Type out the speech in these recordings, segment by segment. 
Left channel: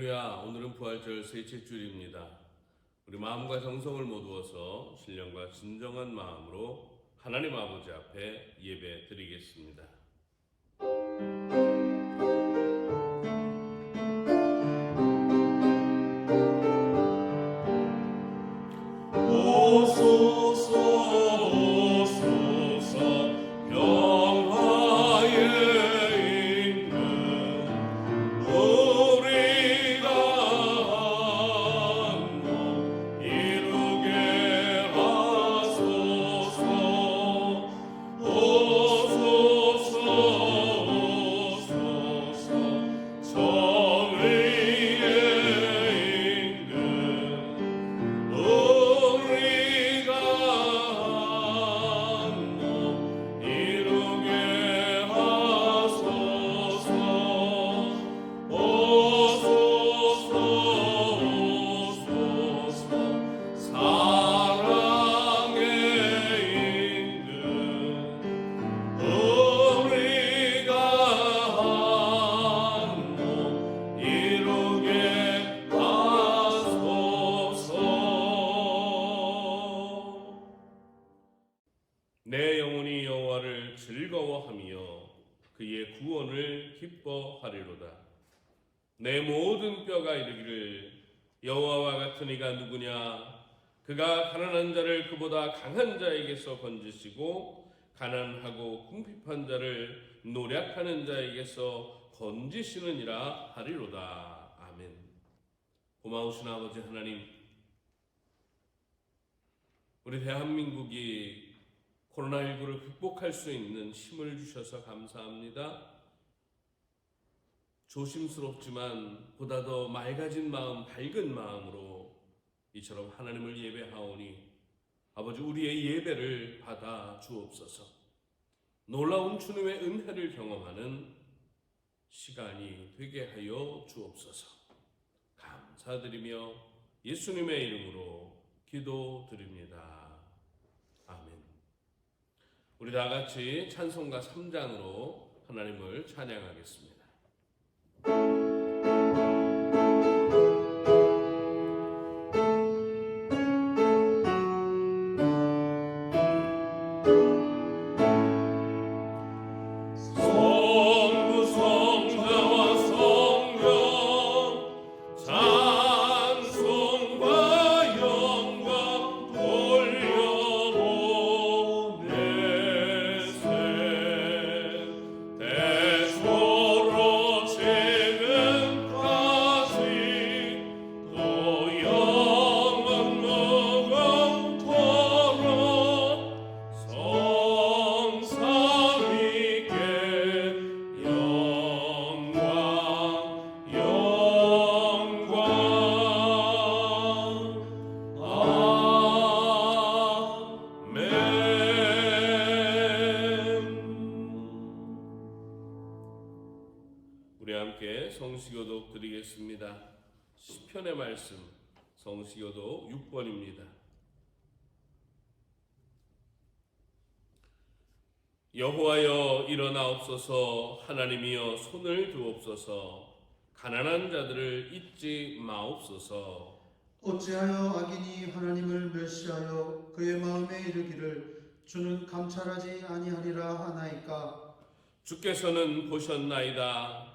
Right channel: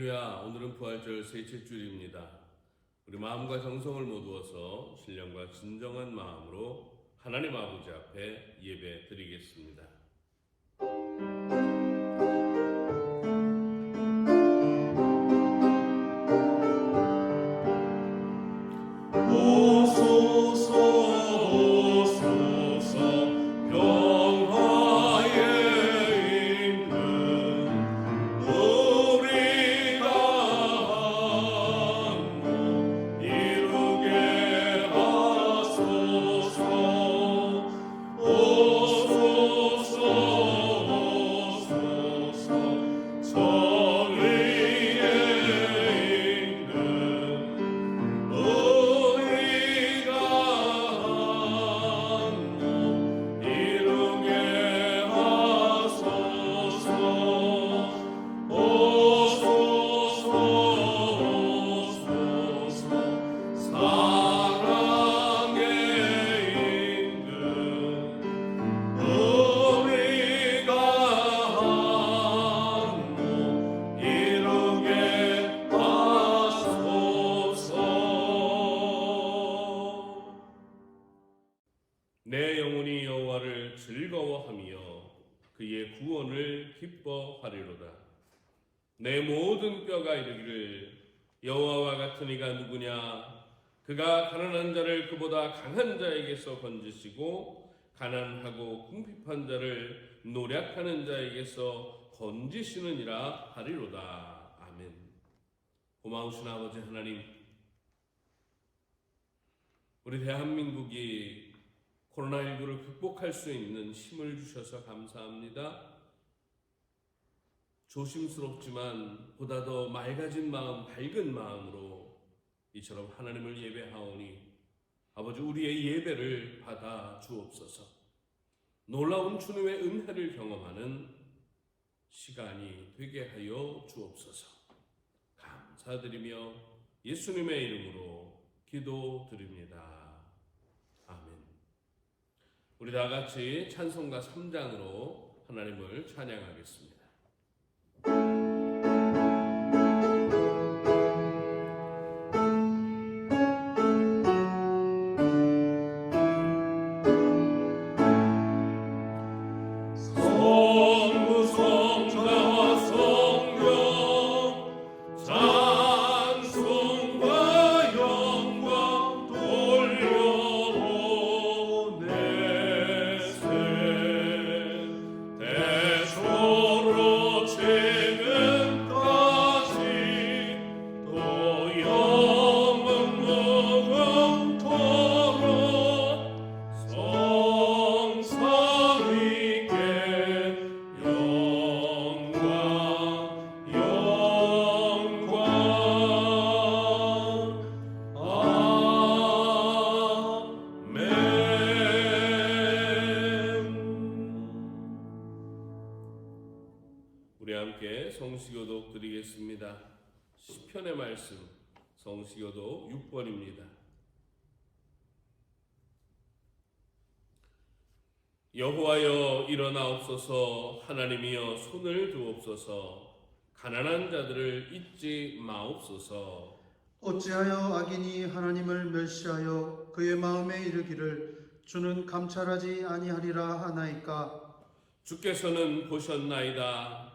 할렐루야. 오늘은 부활절 셋째 주일입니다. 우리 마음과 정성을 모두어서 신령과 진정한 마음으로 하나님 아버지 앞에 예배 드리겠습니다. 내 영혼이 여호와를 즐거워하며 그의 구원을 기뻐하리로다. 내 모든 뼈가 이르기를 여호와와 같은 이가 누구냐? 그가 가난한 자를 그보다 강한 자에게서 건지시고 가난하고 궁핍한 자를 노략하는 자에게서 건지시느니라 하리로다. 아멘. 고마우신 아버지 하나님, 우리 대한민국이 코로나19를 극복할 수 있는 힘을 주셔서 감사합니다. 조심스럽지만 보다 더 맑아진 마음, 밝은 마음으로 이처럼 하나님을 예배하오니 아버지 우리의 예배를 받아 주옵소서. 놀라운 주님의 은혜를 경험하는 시간이 되게 하여 주옵소서. 감사드리며 예수님의 이름으로 기도드립니다. 아멘. 우리 다 같이 찬송가 3장으로 하나님을 찬양하겠습니다. 우리 함께 성시교독 드리겠습니다. 시편의 말씀 성시교독 6번입니다. 여호와여 일어나옵소서. 하나님이여 손을 두옵소서. 가난한 자들을 잊지 마옵소서. 어찌하여 악인이 하나님을 멸시하여 그의 마음에 이르기를 주는 감찰하지 아니하리라 하나이까. 주께서는 보셨나이다.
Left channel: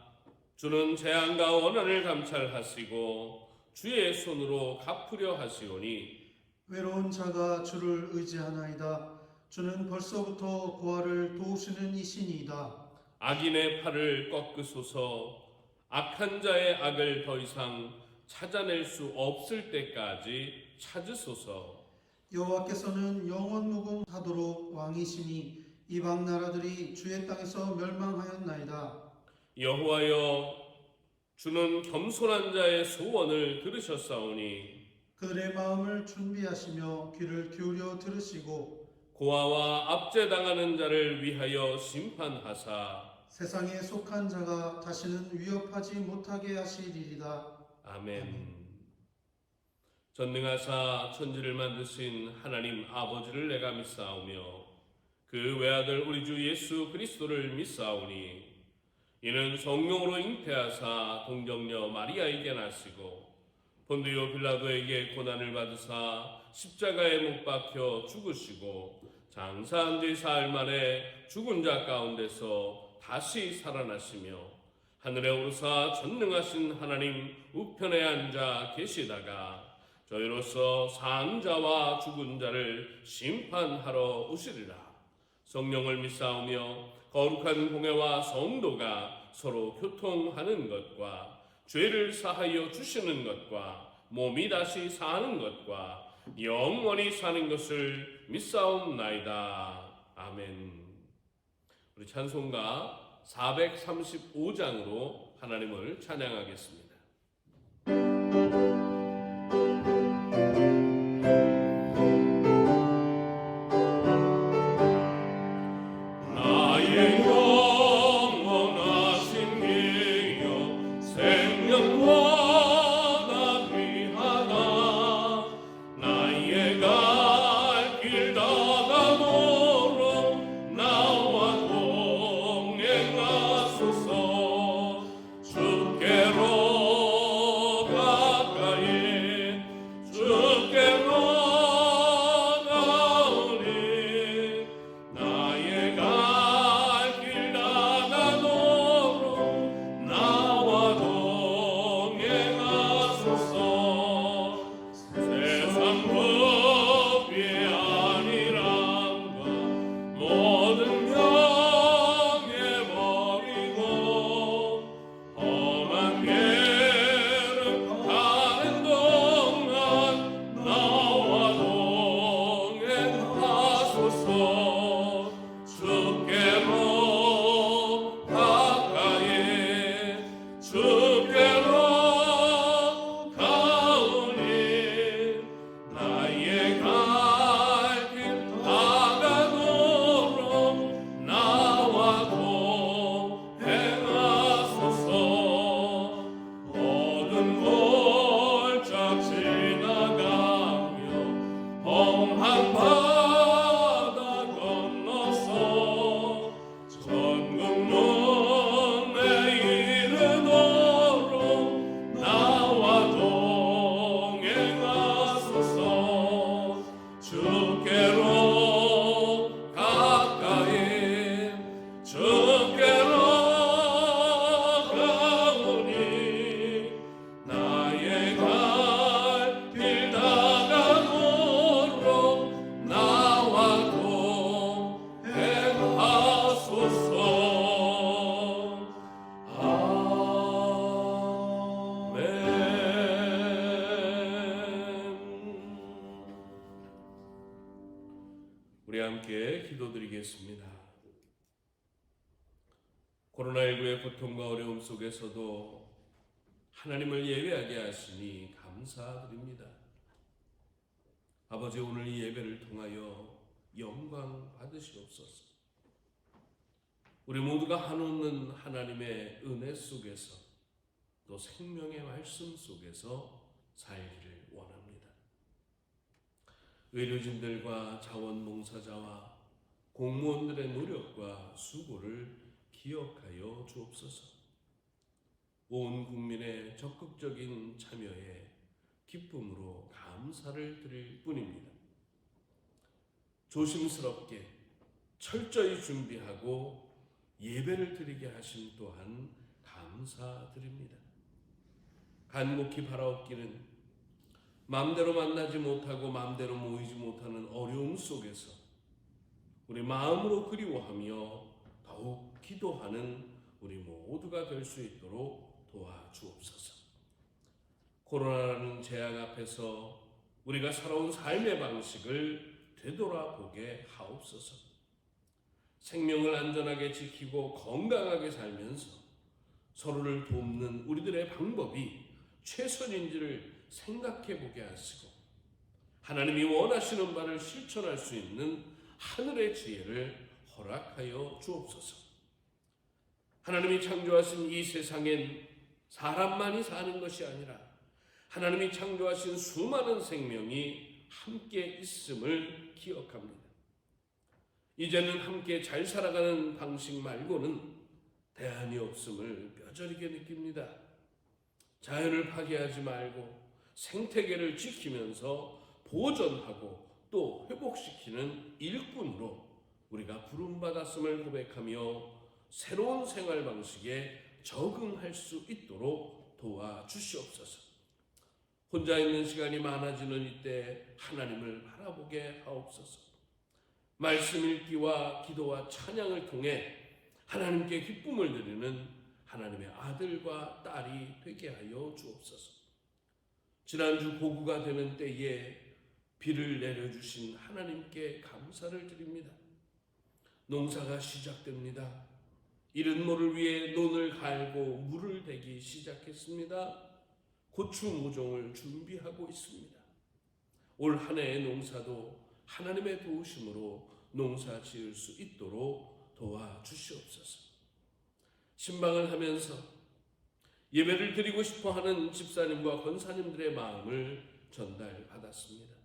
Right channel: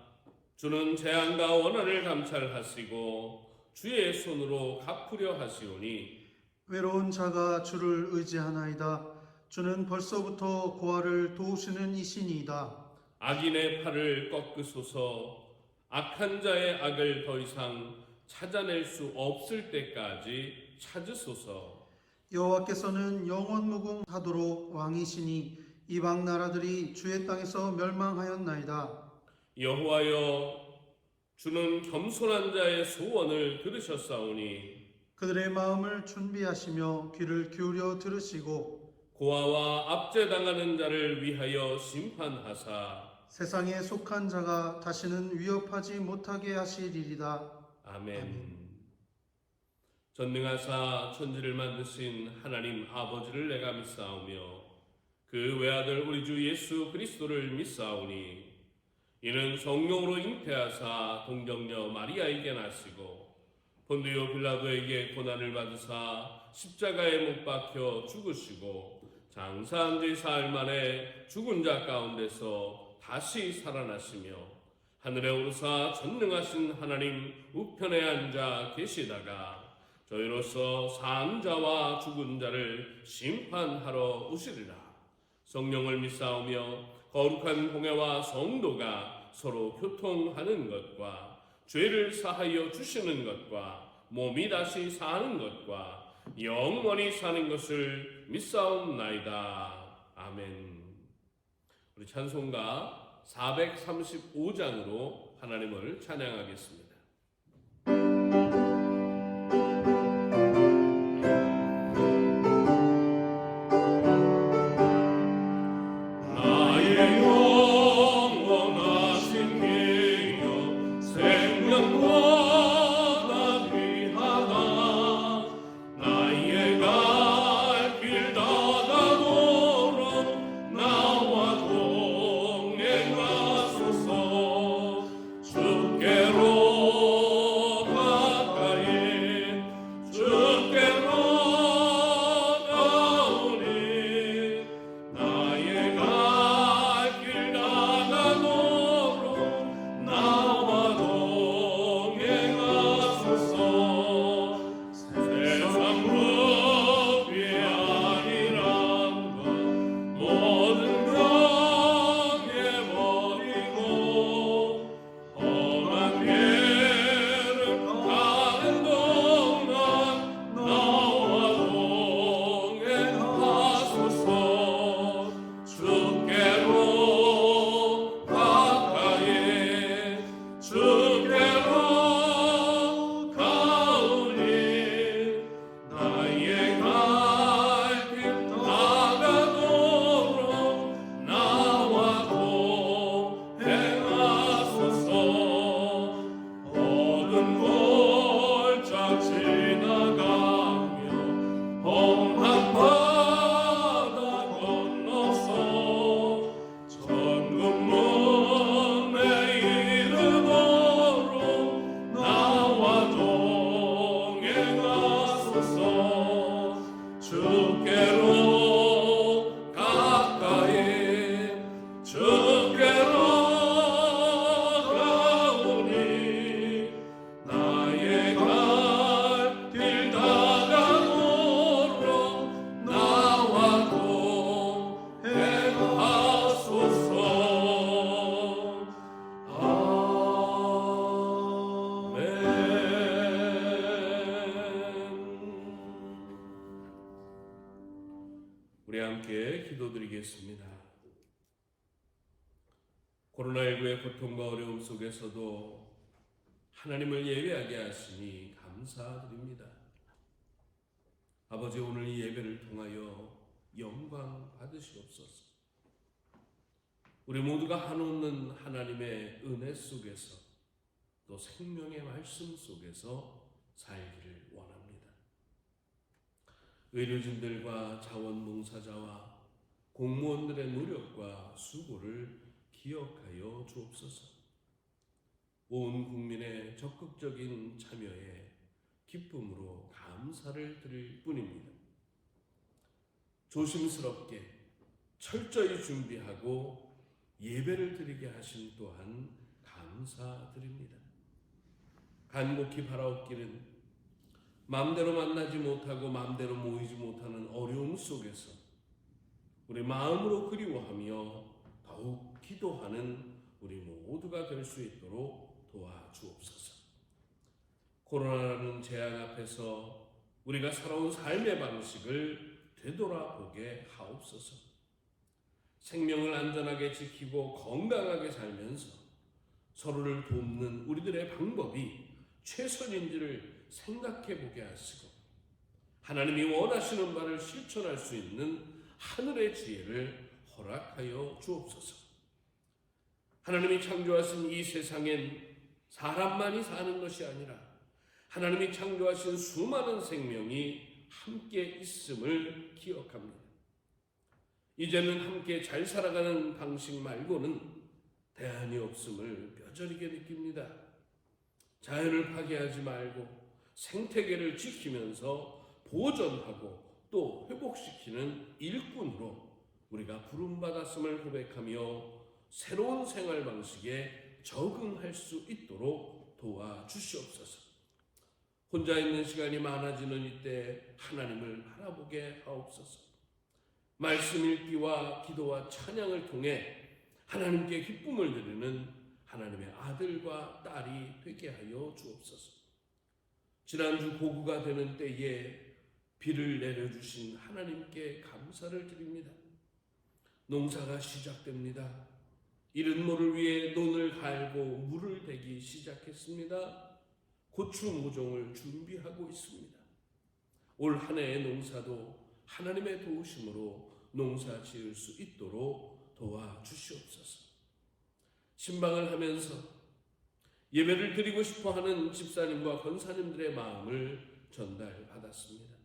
주는 재앙과 원한을 감찰하시고 주의 손으로 갚으려 하시오니 외로운 자가 주를 의지하나이다. 주는 벌써부터 고아를 도우시는 이시니이다. 악인의 팔을 꺾으소서. 악한 자의 악을 더 이상 찾아낼 수 없을 때까지 찾으소서. 여호와께서는 영원 무궁하도록 왕이시니 이방 나라들이 주의 땅에서 멸망하였나이다. 여호와여 주는 겸손한 자의 소원을 들으셨사오니 그들의 마음을 준비하시며 귀를 기울여 들으시고 고아와 압제당하는 자를 위하여 심판하사 세상에 속한 자가 다시는 위협하지 못하게 하시리이다. 아멘. 전능하사 천지를 만드신 하나님 아버지를 내가 믿사오며 그 외아들 우리 주 예수 그리스도를 믿사오니 이는 성령으로 잉태하사 동정녀 마리아에게 나시고 본디오 빌라도에게 고난을 받으사 십자가에 못 박혀 죽으시고 장사한 지 사흘 만에 죽은 자 가운데서 다시 살아나시며 하늘에 오르사 전능하신 하나님 우편에 앉아 계시다가 저희로서 산 자와 죽은 자를 심판하러 오시리라. 성령을 믿사오며 거룩한 공회와 성도가 서로 교통하는 것과 죄를 사하여 주시는 것과 몸이 다시 사는 것과 영원히 사는 것을 믿사옵나이다. 아멘. 우리 찬송가 435장으로 하나님을 찬양하겠습니다. 나의 영원하신 예여 생명보다 귀하다. 나의 갈 길 다가도록 나와 동행하소서. 주께로 가까이 주께로 가오니 나의 갈 길 다가도록 나와 동행하소서. 세상 법이 아니란가 모든 명예버리고 험한 길을 가는 동안 나와 동행하소서. 주께로 가까이 주께로 가오니 나의 갈 길 다가도록 나와 동행하소서. 모든 골짝 지나가며 험한 바다 건너서 천국문에 이르도록 나와 동행하소서. 주께로 가까이 주께로 가오니 나의 갈 길 다가도록 나와 동행하소서. 아멘. 우리 함께 기도드리겠습니다. 코로나19의 고통과 어려움 속에서도 하나님을 예배하게 하시니 감사드립니다. 아버지, 오늘 이 예배를 통하여 영광 받으시옵소서. 우리 모두가 한없는 하나님의 은혜 속에서 또 생명의 말씀 속에서 살기를 원합니다. 의료진들과 자원봉사자와 공무원들의 노력과 수고를 기억하여 주옵소서. 온 국민의 적극적인 참여에 기쁨으로 감사를 드릴 뿐입니다. 조심스럽게 철저히 준비하고 예배를 드리게 하심 또한 감사드립니다. 간곡히 바라옵기는 마음대로 만나지 못하고 마음대로 모이지 못하는 어려움 속에서 우리 마음으로 그리워하며 더욱 기도하는 우리 모두가 될 수 있도록 도와주옵소서. 코로나라는 재앙 앞에서 우리가 살아온 삶의 방식을 되돌아보게 하옵소서. 생명을 안전하게 지키고 건강하게 살면서 서로를 돕는 우리들의 방법이 최선인지를 생각해 보게 하시고 하나님이 원하시는 바를 실천할 수 있는 하늘의 지혜를 허락하여 주옵소서. 하나님이 창조하신 이 세상엔 사람만이 사는 것이 아니라 하나님이 창조하신 수많은 생명이 함께 있음을 기억합니다. 이제는 함께 잘 살아가는 방식 말고는 대안이 없음을 뼈저리게 느낍니다. 자연을 파괴하지 말고 생태계를 지키면서 보존하고 또 회복시키는 일꾼으로 우리가 부름받았음을 고백하며 새로운 생활 방식에 적응할 수 있도록 도와주시옵소서. 혼자 있는 시간이 많아지는 이때 하나님을 바라보게 하옵소서. 말씀 읽기와 기도와 찬양을 통해 하나님께 기쁨을 드리는 하나님의 아들과 딸이 되게 하여 주옵소서. 지난주 고구가 되는 때에 비를 내려주신 하나님께 감사를 드립니다. 농사가 시작됩니다. 이른 모를 위해 논을 갈고 물을 대기 시작했습니다. 고추 모종을 준비하고 있습니다. 올 한 해의 농사도 하나님의 도우심으로 농사 지을 수 있도록 도와주시옵소서. 신방을 하면서 예배를 드리고 싶어하는 집사님과 권사님들의 마음을 전달받았습니다.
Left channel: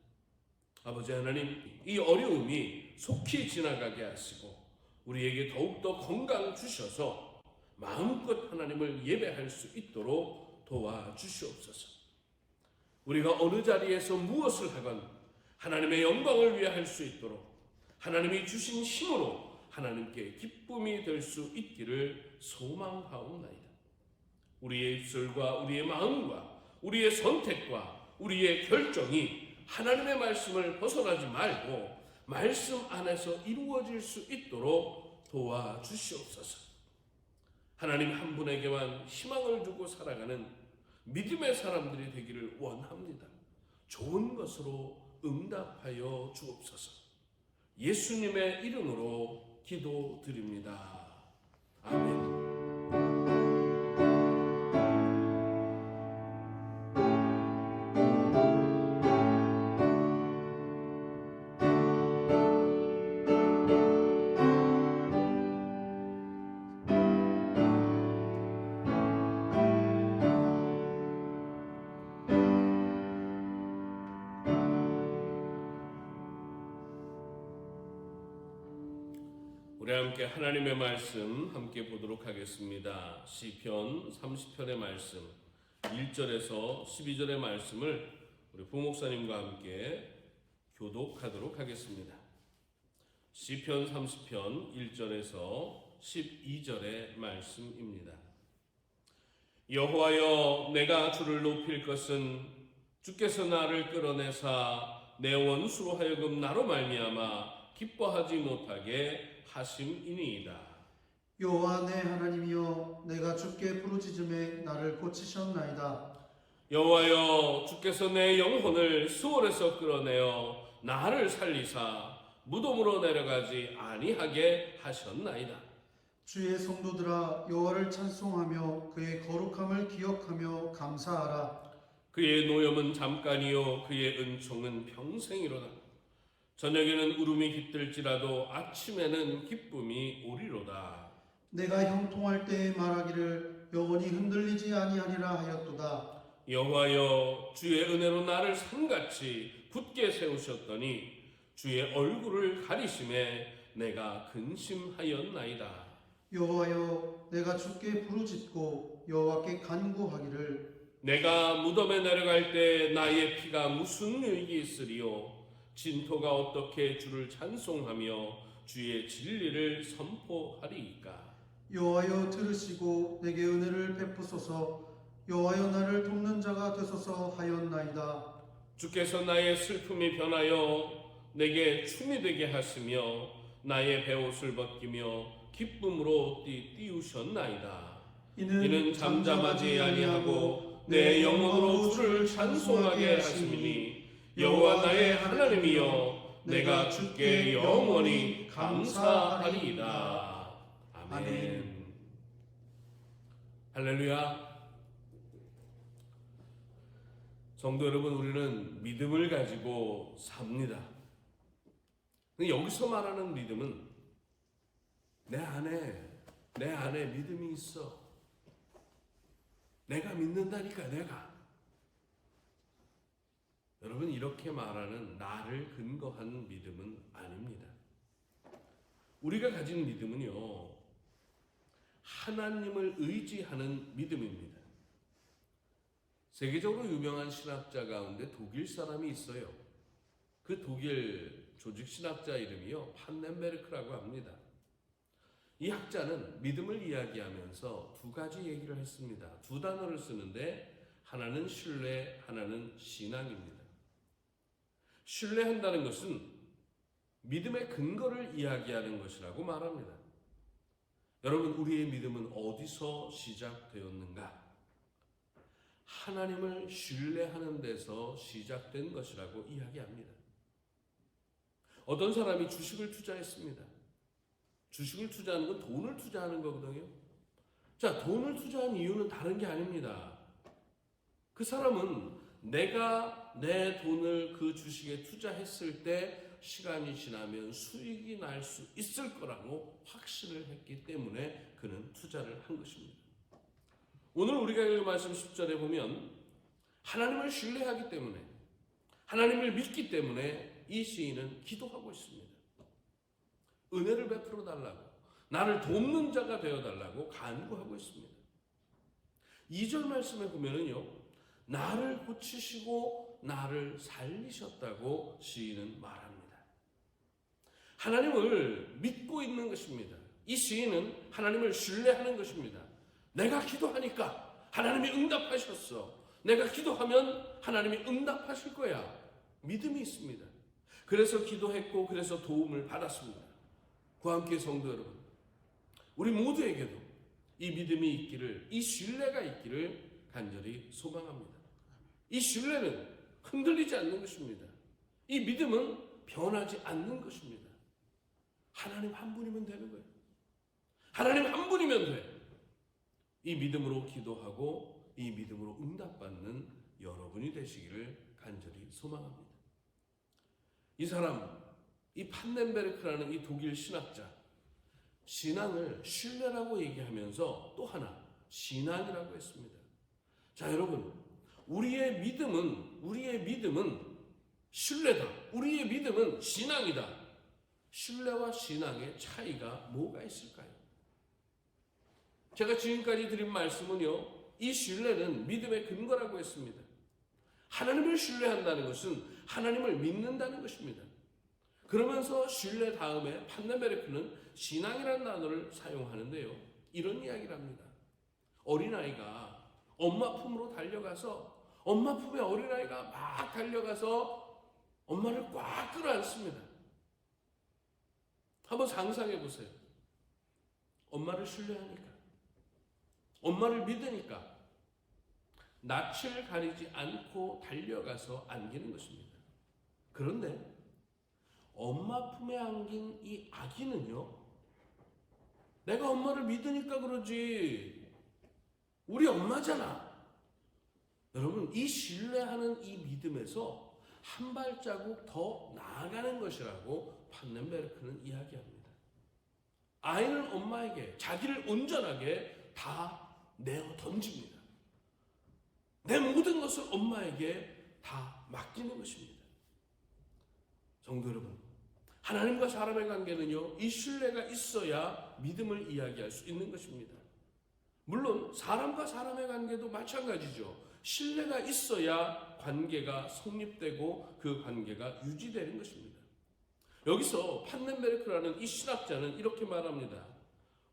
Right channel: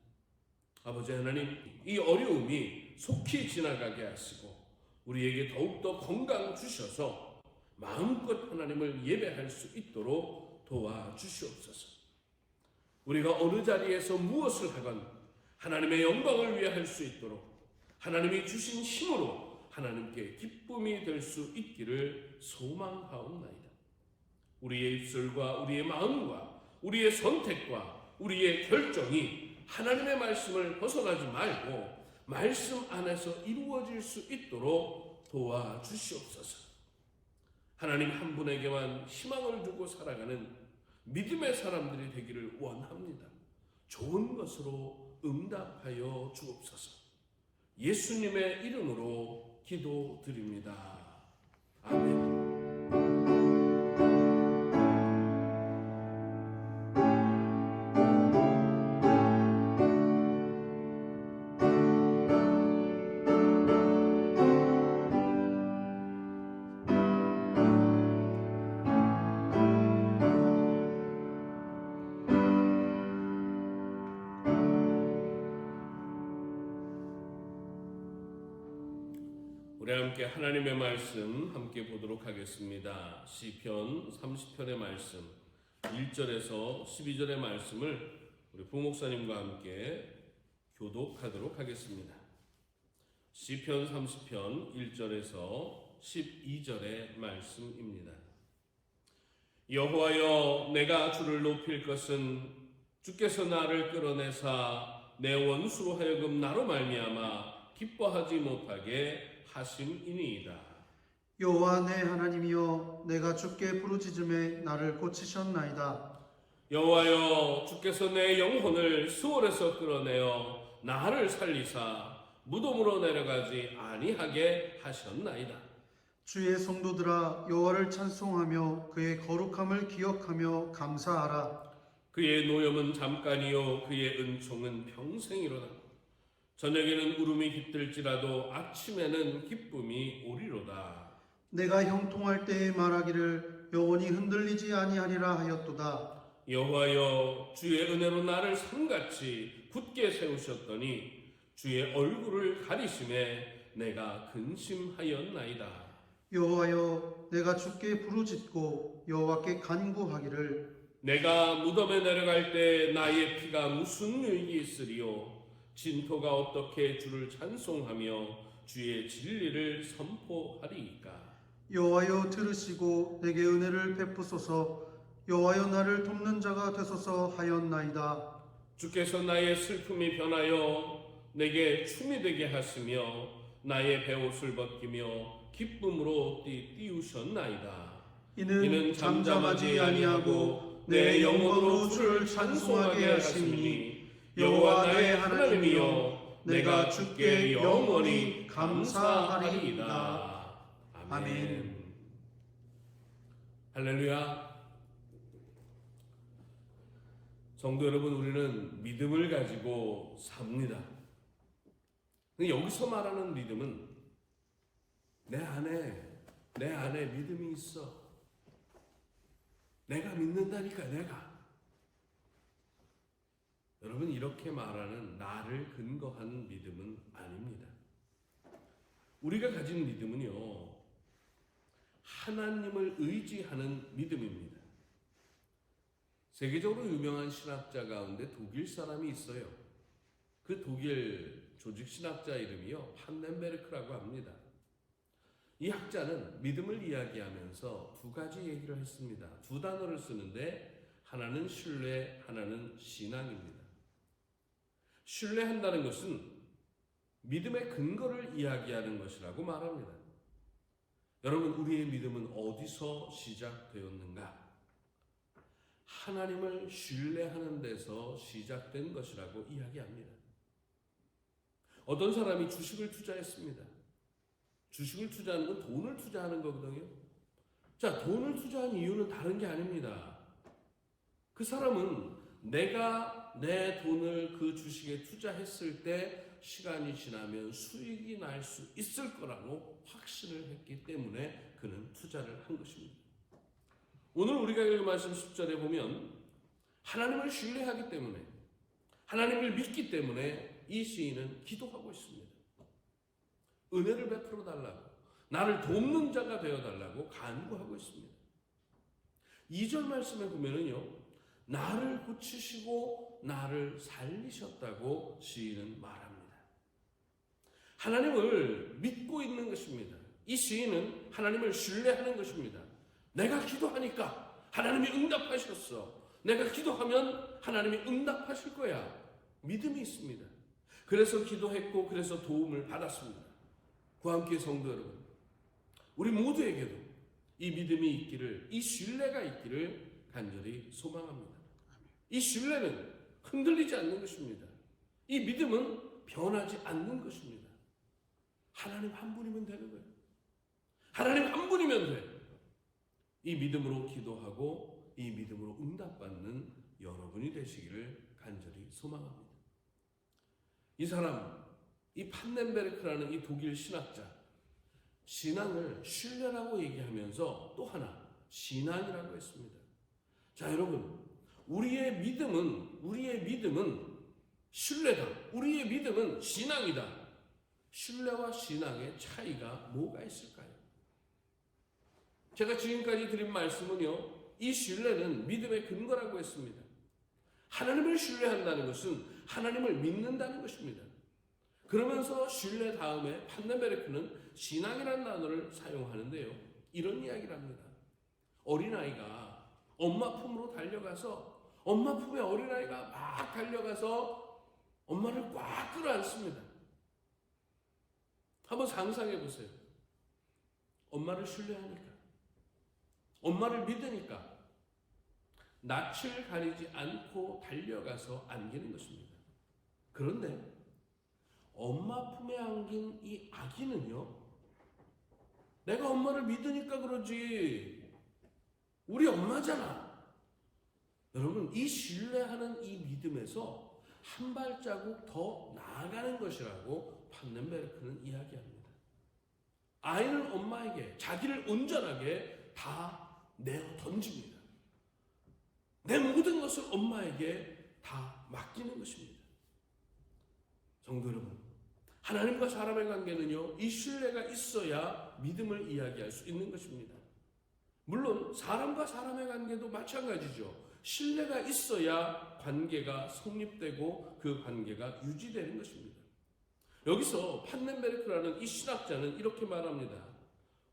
아버지 하나님, 이 어려움이 속히 지나가게 하시고 우리에게 더욱더 건강 주셔서 마음껏 하나님을 예배할 수 있도록 도와주시옵소서. 우리가 어느 자리에서 무엇을 하건 하나님의 영광을 위해 할 수 있도록 하나님이 주신 힘으로 하나님께 기쁨이 될 수 있기를 소망하옵나이다. 우리의 입술과 우리의 마음과 우리의 선택과 우리의 결정이 하나님의 말씀을 벗어나지 말고 말씀 안에서 이루어질 수 있도록 도와주시옵소서. 하나님 한 분에게만 희망을 두고 살아가는 믿음의 사람들이 되기를 원합니다. 좋은 것으로 응답하여 주옵소서. 예수님의 이름으로 기도드립니다. 아멘. 우리 함께 하나님의 말씀 함께 보도록 하겠습니다. 시편 30편의 말씀 1절에서 12절의 말씀을 우리 부목사님과 함께 교독하도록 하겠습니다. 시편 30편 1절에서 12절의 말씀입니다. 여호와여, 내가 주를 높일 것은 주께서 나를 끌어내사 내 원수로 하여금 나로 말미암아 기뻐하지 못하게 하심이니이다. 여호와 내 하나님이여, 내가 주께 부르짖음에 나를 고치셨나이다. 여호와여, 주께서 내 영혼을 수월에서 끌어내어 나를 살리사 무덤으로 내려가지 아니하게 하셨나이다. 주의 성도들아, 여호와를 찬송하며 그의 거룩함을 기억하며 감사하라. 그의 노염은 잠깐이요 그의 은총은 평생이로다. 저녁에는 울음이 깃들지라도 아침에는 기쁨이 오리로다. 내가 형통할 때에 말하기를 영원히 흔들리지 아니하리라 하였도다. 여호와여, 주의 은혜로 나를 산같이 굳게 세우셨더니 주의 얼굴을 가리심에 내가 근심하였나이다. 여호와여, 내가 주께 부르짖고 여호와께 간구하기를 내가 무덤에 내려갈 때 나의 피가 무슨 유익이 있으리요. 진토가 어떻게 주를 찬송하며 주의 진리를 선포하리이까. 여호와여, 들으시고 내게 은혜를 베푸소서. 여호와여, 나를 돕는 자가 되소서 하였나이다. 주께서 나의 슬픔이 변하여 내게 춤이 되게 하시며 나의 베옷을 벗기며 기쁨으로 띄우셨나이다. 이는 잠잠하지 아니하고 내 영혼으로 주를 찬송하게 하시니 여호와 나의 하나님이여, 내가 주께 영원히 감사하리이다. 아멘. 할렐루야. 성도 여러분, 우리는 믿음을 가지고 삽니다. 근데 여기서 말하는 믿음은 내 안에 믿음이 있어. 내가 믿는다니까, 내가. 여러분, 이렇게 말하는 나를 근거한 믿음은 아닙니다. 우리가 가진 믿음은요, 하나님을 의지하는 믿음입니다. 세계적으로 유명한 신학자 가운데 독일 사람이 있어요. 그 독일 조직 신학자 이름이요, 판넨베르크라고 합니다. 이 학자는 믿음을 이야기하면서 두 가지 얘기를 했습니다. 두 단어를 쓰는데 하나는 신뢰, 하나는 신앙입니다. 신뢰한다는 것은 믿음의 근거를 이야기하는 것이라고 말합니다. 여러분, 우리의 믿음은 어디서 시작되었는가? 하나님을 신뢰하는 데서 시작된 것이라고 이야기합니다. 어떤 사람이 주식을 투자했습니다. 주식을 투자하는 건 돈을 투자하는 거거든요. 자, 돈을 투자한 이유는 다른 게 아닙니다. 그 사람은 내가 내 돈을 그 주식에 투자했을 때 시간이 지나면 수익이 날 수 있을 거라고 확신을 했기 때문에 그는 투자를 한 것입니다. 오늘 우리가 읽은 말씀 10절에 보면 하나님을 신뢰하기 때문에, 하나님을 믿기 때문에 이 시인은 기도하고 있습니다. 은혜를 베풀어 달라고, 나를 돕는 자가 되어 달라고 간구하고 있습니다. 2절 말씀에 보면은요, 나를 고치시고 나를 살리셨다고 시인은 말합니다. 하나님을 믿고 있는 것입니다. 이 시인은 하나님을 신뢰하는 것입니다. 내가 기도하니까 하나님이 응답하셨어. 내가 기도하면 하나님이 응답하실 거야. 믿음이 있습니다. 그래서 기도했고, 그래서 도움을 받았습니다. 구함교회 성도 여러분, 우리 모두에게도 이 믿음이 있기를, 이 신뢰가 있기를 간절히 소망합니다. 이 신뢰는 흔들리지 않는 것입니다. 이 믿음은 변하지 않는 것입니다. 하나님 한 분이면 되는 거예요. 하나님 한 분이면 돼. 이 믿음으로 기도하고 이 믿음으로 응답받는 여러분이 되시기를 간절히 소망합니다. 이 사람, 이 판넨베르크라는 이 독일 신학자, 신앙을 신뢰라고 얘기하면서 또 하나 신앙이라고 했습니다. 자, 여러분, 우리의 믿음은 신뢰다. 우리의 믿음은 신앙이다. 신뢰와 신앙의 차이가 뭐가 있을까요? 제가 지금까지 드린 말씀은요, 이 신뢰는 믿음의 근거라고 했습니다. 하나님을 신뢰한다는 것은 하나님을 믿는다는 것입니다. 그러면서 신뢰 다음에 판넨베르크는 신앙이라는 단어를 사용하는데요, 이런 이야기를 합니다. 어린아이가 엄마 품으로 달려가서, 엄마 품에 어린아이가 막 달려가서 엄마를 꽉 끌어안습니다. 한번 상상해 보세요. 엄마를 신뢰하니까, 엄마를 믿으니까 낯을 가리지 않고 달려가서 안기는 것입니다. 그런데 엄마 품에 안긴 이 아기는요, 내가 엄마를 믿으니까 그러지, 우리 엄마잖아. 여러분, 이 신뢰하는 이 믿음에서 한 발자국 더 나아가는 것이라고 판넨베르크는 이야기합니다. 아이는 엄마에게 자기를 온전하게 다 내어 던집니다. 내 모든 것을 엄마에게 다 맡기는 것입니다. 성도 여러분, 하나님과 사람의 관계는요, 이 신뢰가 있어야 믿음을 이야기할 수 있는 것입니다. 물론 사람과 사람의 관계도 마찬가지죠. 신뢰가 있어야 관계가 성립되고 그 관계가 유지되는 것입니다. 여기서 판넨베르크라는 이 신학자는 이렇게 말합니다.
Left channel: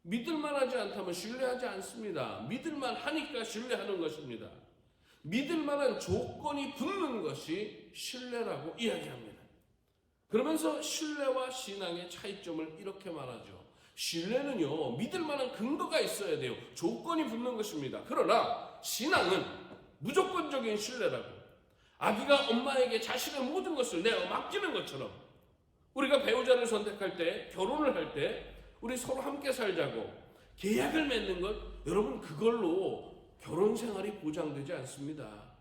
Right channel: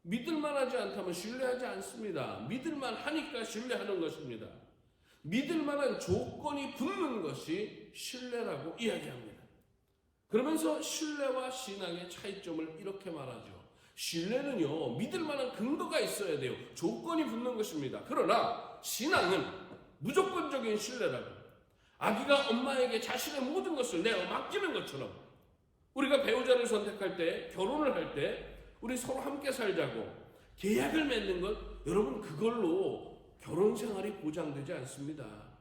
믿을만하지 않다면 신뢰하지 않습니다. 믿을만 하니까 신뢰하는 것입니다. 믿을만한 조건이 붙는 것이 신뢰라고 이야기합니다. 그러면서 신뢰와 신앙의 차이점을 이렇게 말하죠. 신뢰는요, 믿을만한 근거가 있어야 돼요. 조건이 붙는 것입니다. 그러나 신앙은 무조건적인 신뢰라고, 아기가 엄마에게 자신의 모든 것을 내어 맡기는 것처럼, 우리가 배우자를 선택할 때, 결혼을 할 때 우리 서로 함께 살자고 계약을 맺는 것, 여러분, 그걸로 결혼 생활이 보장되지 않습니다.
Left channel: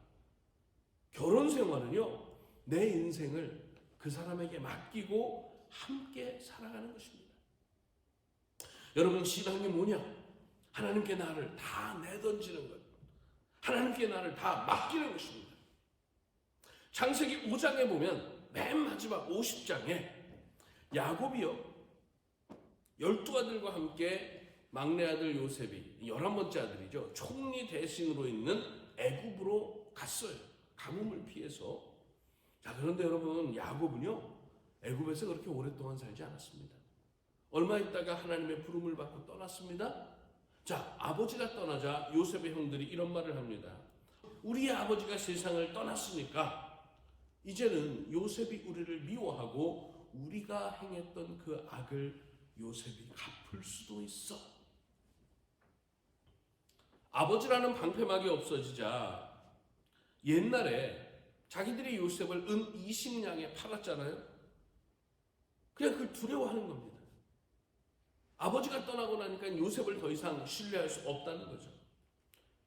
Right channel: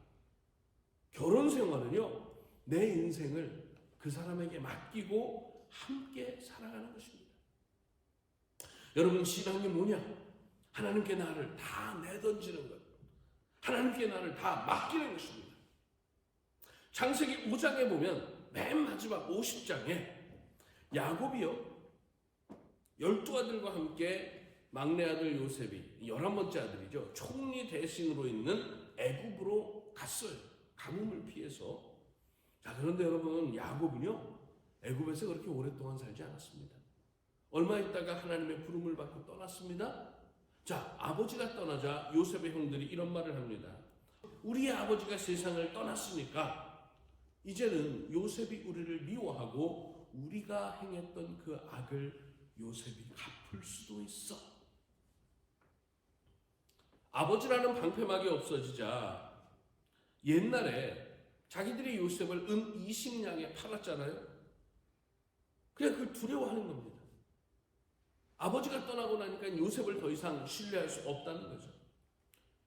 결혼 생활은요, 내 인생을 그 사람에게 맡기고 함께 살아가는 것입니다. 여러분, 신앙이 뭐냐? 하나님께 나를 다 내던지는 것, 하나님께 나를 다 맡기는 것입니다. 창세기 5장에 보면 맨 마지막 50장에 야곱이요, 12 아들과 함께 막내 아들 요셉이 11번째 아들이죠. 총리 대신으로 있는 애굽으로 갔어요. 가뭄을 피해서. 자, 그런데 여러분, 야곱은요 애굽에서 그렇게 오랫동안 살지 않았습니다. 얼마 있다가 하나님의 부름을 받고 떠났습니다. 자, 아버지가 떠나자 요셉의 형들이 이런 말을 합니다. 우리의 아버지가 세상을 떠났으니까 이제는 요셉이 우리를 미워하고 우리가 행했던 그 악을 요셉이 갚을 수도 있어. 아버지라는 방패막이 없어지자 옛날에 자기들이 요셉을 은 20냥에 팔았잖아요. 그냥 그걸 두려워하는 겁니다. 아버지가 떠나고 나니까 요셉을 더 이상 신뢰할 수 없다는 거죠.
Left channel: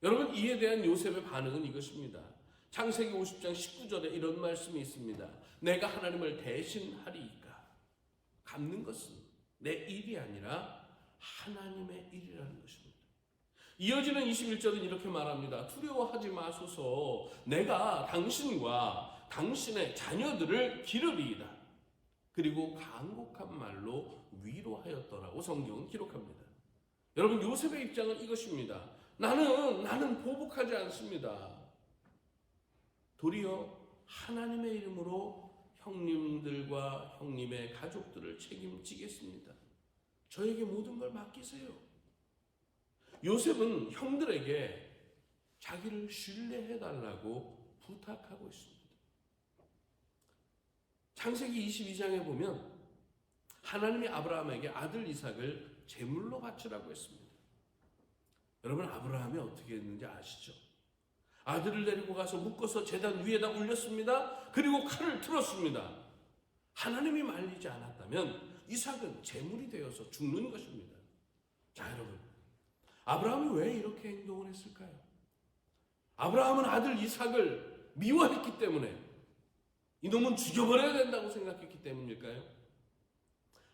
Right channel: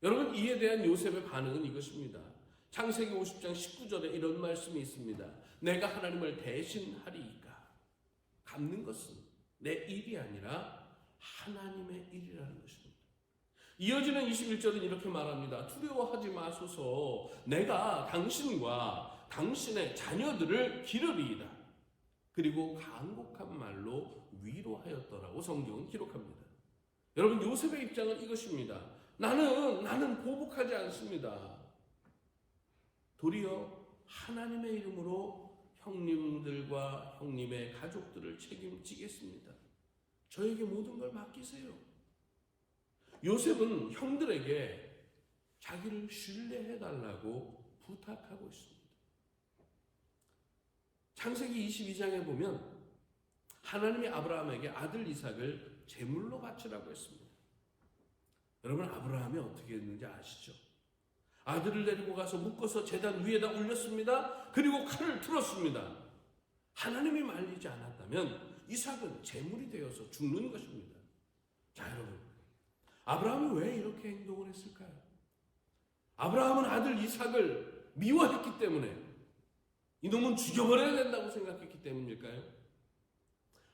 여러분, 이에 대한 요셉의 반응은 이것입니다. 창세기 50장 19절에 이런 말씀이 있습니다. 내가 하나님을 대신하리이까. 갚는 것은 내 일이 아니라 하나님의 일이라는 것입니다. 이어지는 21절은 이렇게 말합니다. 두려워하지 마소서. 내가 당신과 당신의 자녀들을 기르리이다. 그리고 간곡한 말로 위로하였더라고 성경은 기록합니다. 여러분, 요셉의 입장은 이것입니다. 나는 보복하지 않습니다. 도리어 하나님의 이름으로 형님들과 형님의 가족들을 책임지겠습니다. 저에게 모든 걸 맡기세요. 요셉은 형들에게 자기를 신뢰해달라고 부탁하고 있습니다. 창세기 22장에 보면 하나님이 아브라함에게 아들 이삭을 제물로 바치라고 했습니다. 여러분, 아브라함이 어떻게 했는지 아시죠? 아들을 데리고 가서 묶어서 제단 위에다 올렸습니다. 그리고 칼을 틀었습니다. 하나님이 말리지 않았다면 이삭은 제물이 되어서 죽는 것입니다. 자, 여러분, 아브라함이 왜 이렇게 행동을 했을까요? 아브라함은 아들 이삭을 미워했기 때문에, 이놈은 죽여버려야 된다고 생각했기 때문일까요?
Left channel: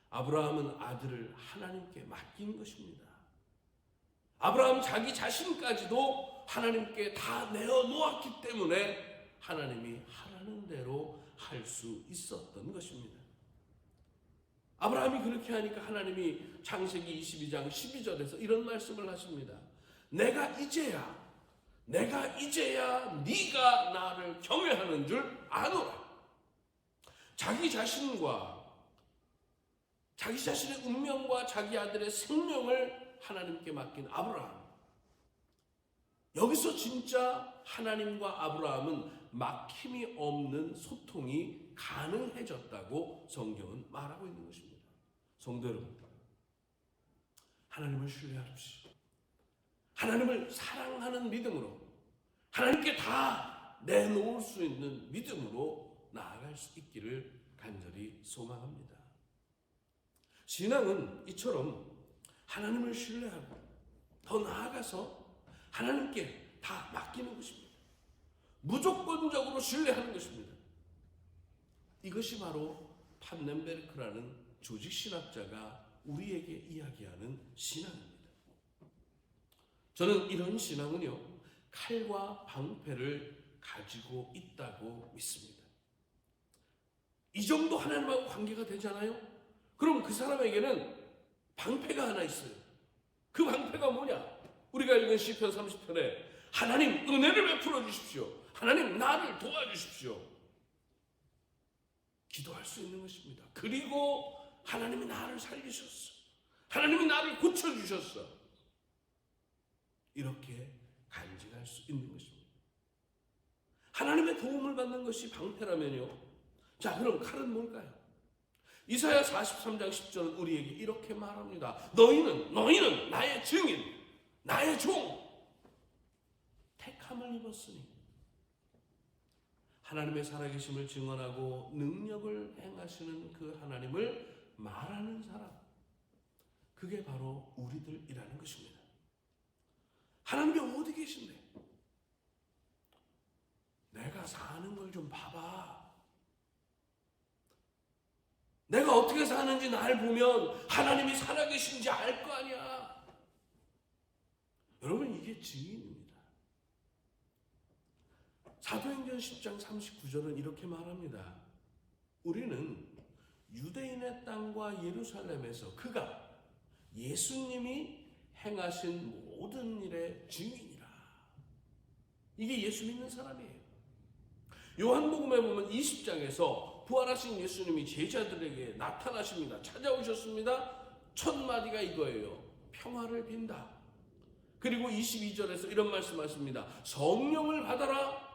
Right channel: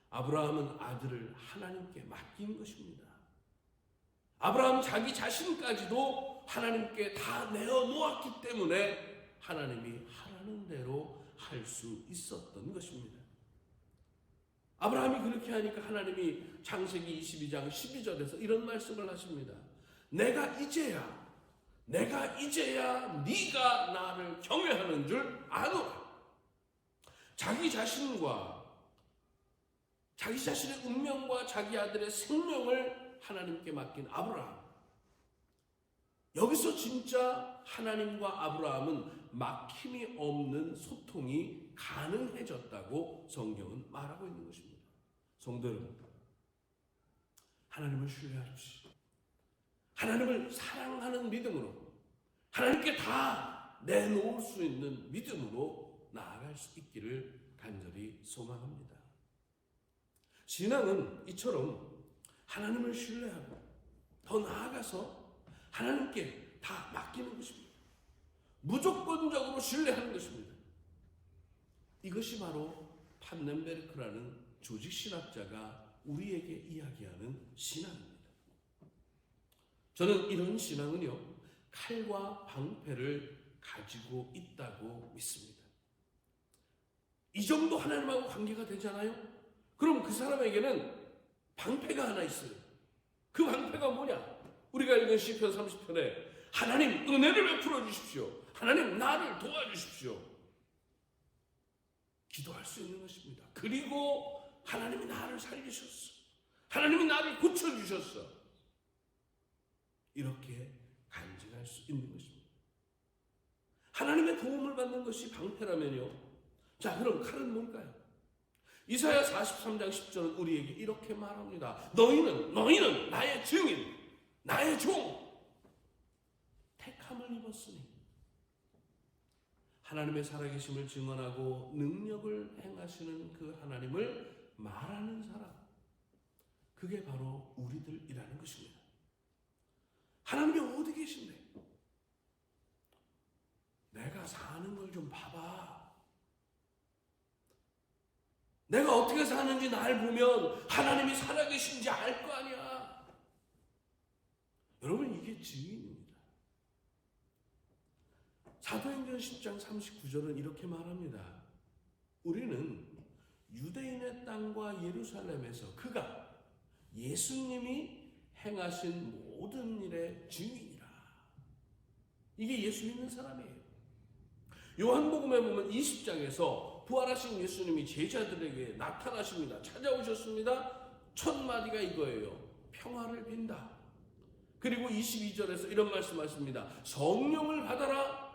아브라함은 아들을 하나님께 맡긴 것입니다. 아브라함 자기 자신까지도 하나님께 다 내어놓았기 때문에 하나님이 하라는 대로 할 수 있었던 것입니다. 아브라함이 그렇게 하니까 하나님이 창세기 22장 12절에서 이런 말씀을 하십니다. 내가 이제야 네가 나를 경외하는 줄 아노라. 자기 자신과 자기 자신의 운명과 자기 아들의 생명을 하나님께 맡긴 아브라함. 여기서 진짜 하나님과 아브라함은 막힘이 없는 소통이 가능해졌다고 성경은 말하고 있는 것입니다. 성도 여러분, 하나님을 신뢰하십시오. 하나님을 사랑하는 믿음으로, 하나님께 다 내놓을 수 있는 믿음으로 나아갈 수 있기를 간절히 소망합니다. 신앙은 이처럼 하나님을 신뢰하고 더 나아가서 하나님께 다 맡기는 것입니다. 무조건적으로 신뢰하는 것입니다. 이것이 바로 판넨베르크라는 조직신학자가 우리에게 이야기하는 신앙입니다. 저는 이런 신앙은요, 칼과 방패를 가지고 있다고 믿습니다. 이 정도 하나님하고 관계가 되잖아요? 그럼 그 사람에게는 방패가 하나 있어요. 그 방패가 뭐냐? 우리가 읽은 시편 30편에 하나님 은혜를 베풀어 주십시오. 하나님 나를 도와주십시오. 기도할 수 있는 것입니다. 그리고 하나님이 나를 살리셨어. 하나님이 나를 고쳐주셨어. 이렇게 간직할 수 있는 것입니다. 하나님의 도움을 받는 것이 방패라면요. 자, 그럼 칼은 뭘까요? 이사야 43장 10절은 우리에게 이렇게 말합니다. 너희는 나의 증인, 나의 종, 택함을 입었으니. 하나님의 살아계심을 증언하고 능력을 행하시는 그 하나님을 말하는 사람, 그게 바로 우리들이라는 것입니다. 하나님이 어디 계신데? 내가 사는 걸 좀 봐봐. 내가 어떻게 사는지 날 보면 하나님이 살아계신지 알 거 아니야. 여러분, 이게 증인입니다. 사도행전 10장 39절은 이렇게 말합니다. 우리는 유대인의 땅과 예루살렘에서 그가 예수님이 행하신 모든 일의 증인이라. 이게 예수 믿는 사람이에요. 요한복음에 보면 20장에서 부활하신 예수님이 제자들에게 나타나십니다. 찾아오셨습니다. 첫 마디가 이거예요. 평화를 빈다. 그리고 22절에서 이런 말씀하십니다. 성령을 받아라.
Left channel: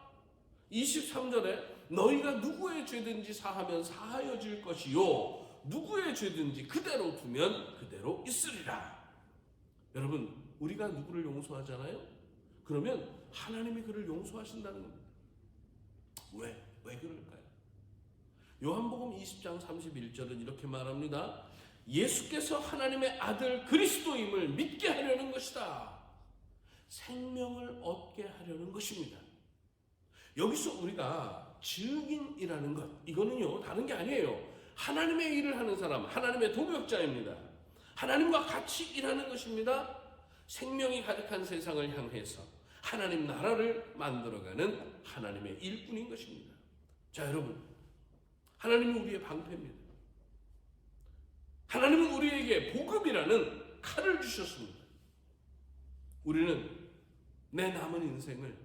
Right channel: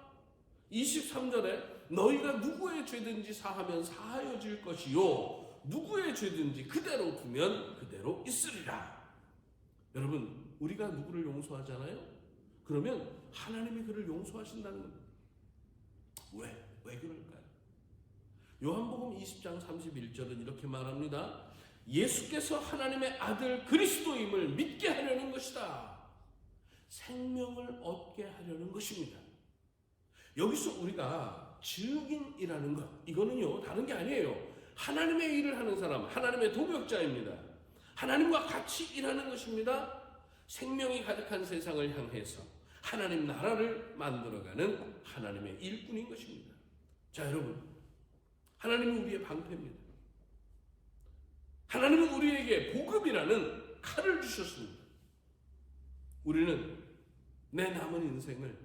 23절에 너희가 누구의 죄든지 사하면 사하여질 것이요 누구의 죄든지 그대로 두면 그대로 있으리라. 여러분, 우리가 누구를 용서하잖아요? 그러면 하나님이 그를 용서하신다는 겁니다. 왜 그럴까요? 요한복음 20장 31절은 이렇게 말합니다. 예수께서 하나님의 아들 그리스도임을 믿게 하려는 것이다. 생명을 얻게 하려는 것입니다. 여기서 우리가 증인이라는 것, 이거는요 다른 게 아니에요. 하나님의 일을 하는 사람, 하나님의 동역자입니다. 하나님과 같이 일하는 것입니다. 생명이 가득한 세상을 향해서 하나님 나라를 만들어가는 하나님의 일꾼인 것입니다. 자, 여러분, 하나님은 우리의 방패입니다. 하나님은 우리에게 복음이라는 칼을 주셨습니다. 우리는 내 남은 인생을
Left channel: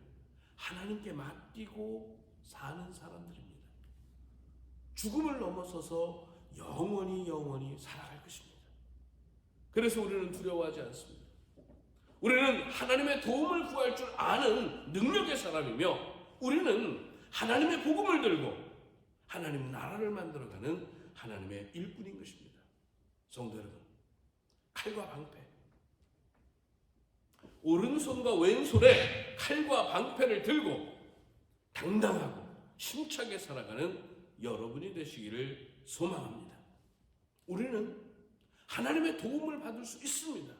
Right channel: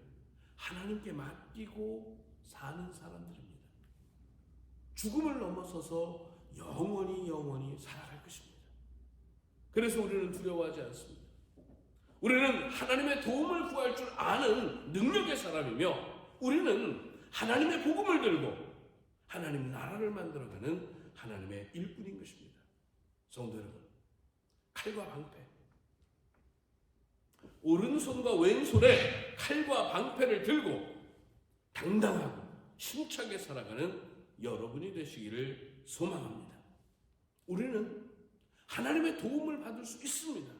하나님께 맡기고 사는 사람들입니다. 죽음을 넘어서서 영원히 살아갈 것입니다. 그래서 우리는 두려워하지 않습니다. 우리는 하나님의 도움을 구할 줄 아는 능력의 사람이며 우리는 하나님의 복음을 들고 하나님 나라를 만들어가는 하나님의 일꾼인 것입니다. 성도 여러분, 칼과 방패, 오른손과 왼손에 칼과 방패를 들고 당당하고 힘차게 살아가는 여러분이 되시기를 소망합니다. 우리는 하나님의 도움을 받을 수 있습니다.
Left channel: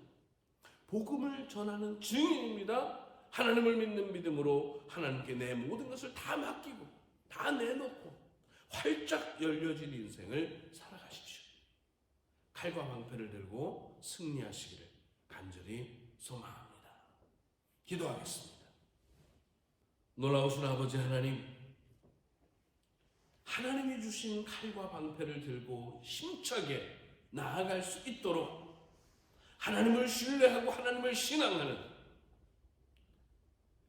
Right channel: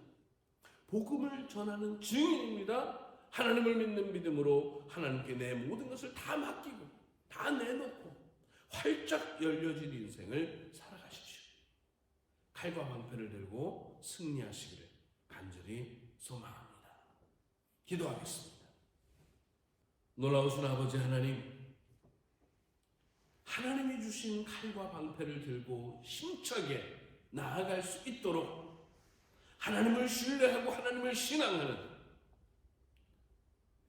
복음을 전하는 증인입니다. 하나님을 믿는 믿음으로 하나님께 내 모든 것을 다 맡기고 다 내놓고 활짝 열려진 인생을 살아가십시오. 칼과 방패를 들고 승리하시기를 간절히 소망합니다. 기도하겠습니다. 놀라우신 아버지 하나님, 하나님이 주신 칼과 방패를 들고 힘차게 나아갈 수 있도록 하나님을 신뢰하고 하나님을 신앙하는,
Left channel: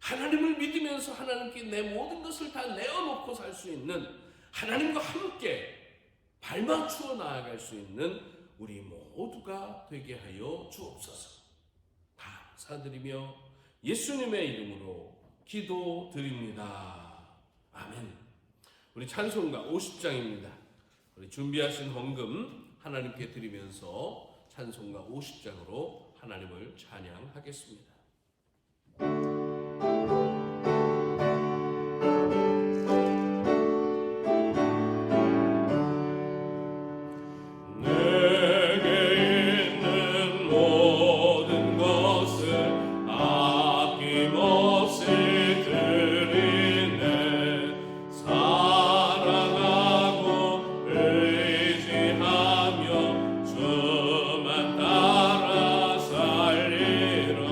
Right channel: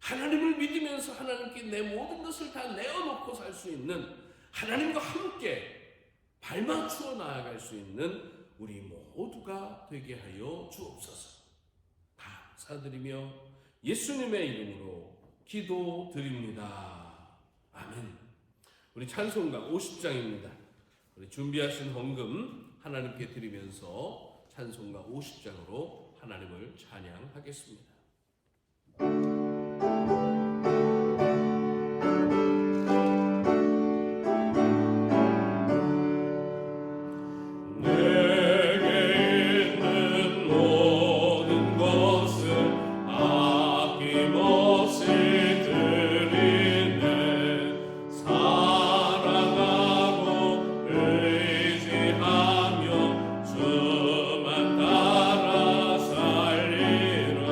하나님을 믿으면서 하나님께 내 모든 것을 다 내어놓고 살 수 있는, 하나님과 함께 발맞추어 나아갈 수 있는 우리 모두가 되게 하여 주옵소서. 감사드리며 예수님의 이름으로 기도드립니다. 아멘. 우리 찬송가 50장입니다. 우리 준비하신 헌금 하나님께 드리면서 찬송가 50장으로 하나님을 찬양하겠습니다. 주만 따라 살리라.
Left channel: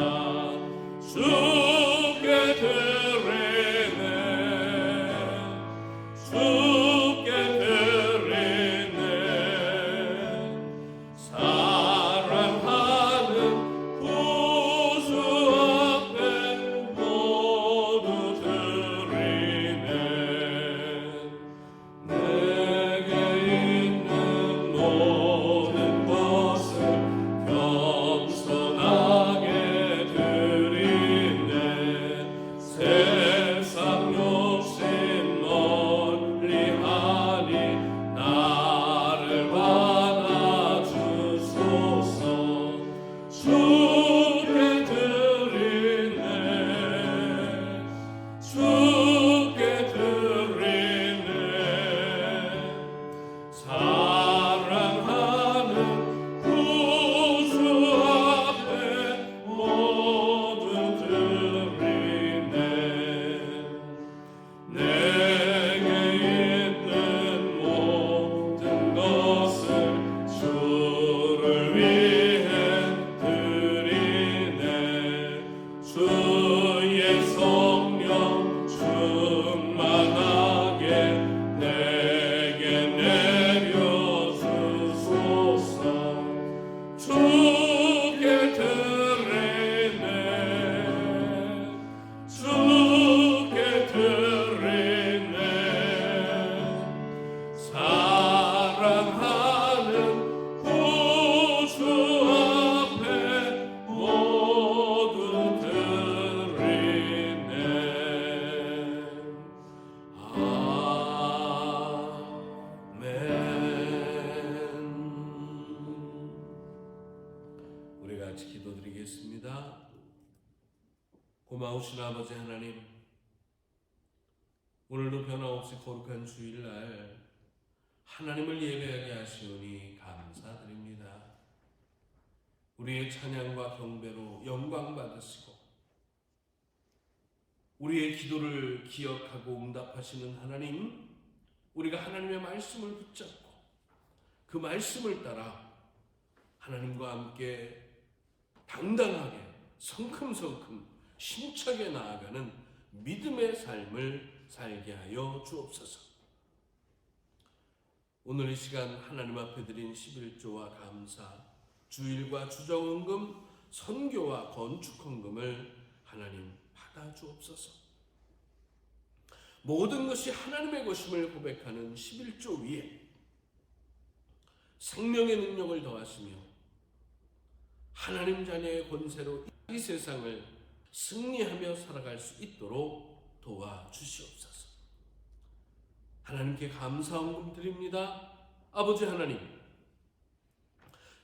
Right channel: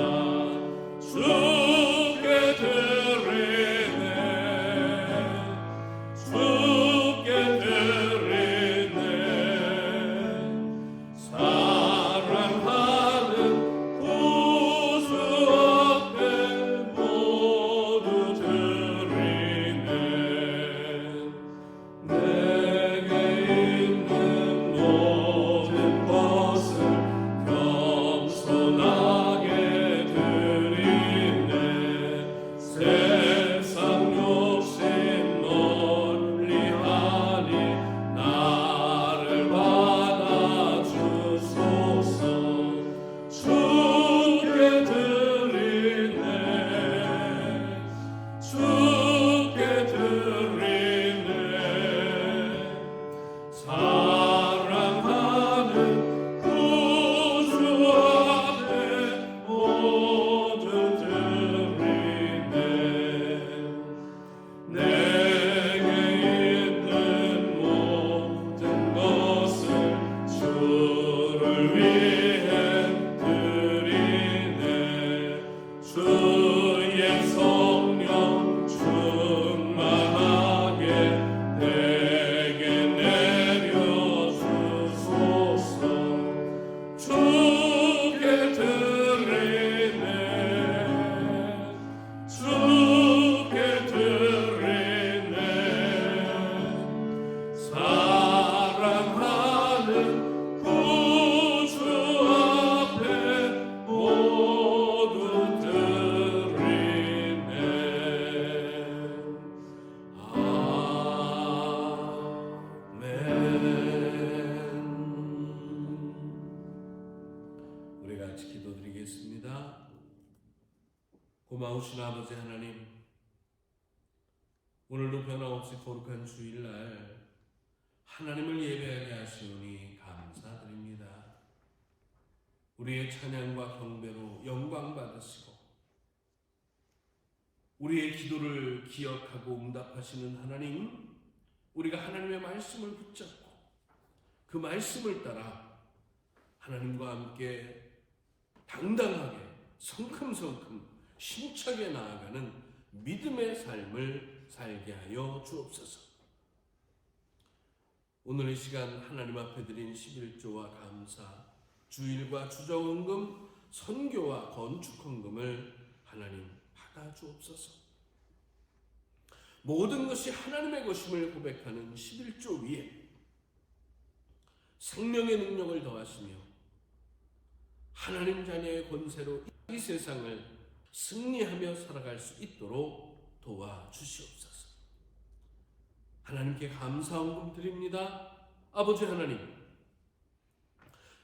기도합니다. 고마우신 아버지 하나님, 오늘도 변함없이 거룩한 주일날 하나님을 예배하게 하시오니 감사드립니다. 우리의 찬양과 경배로 영광 받으시고 우리의 기도를 기억하고 응답하시는 하나님, 우리가 하나님의 말씀을 붙잡고 그 말씀을 따라 하나님과 함께 당당하게 성큼성큼 힘차게 나아가는 믿음의 삶을 살게 하여 주옵소서. 오늘 이 시간 하나님 앞에 드린 11조와 감사, 주일과 주정헌금, 선교와 건축헌금을 하나님 받아 주옵소서. 모든 것이 하나님의 것임을 고백하는 11조 위에 생명의 능력을 더하시며 하나님 자녀의 권세로 이 세상을 승리하며 살아갈 수 있도록 도와주시옵소서. 하나님께 감사헌금 드립니다. 아버지 하나님,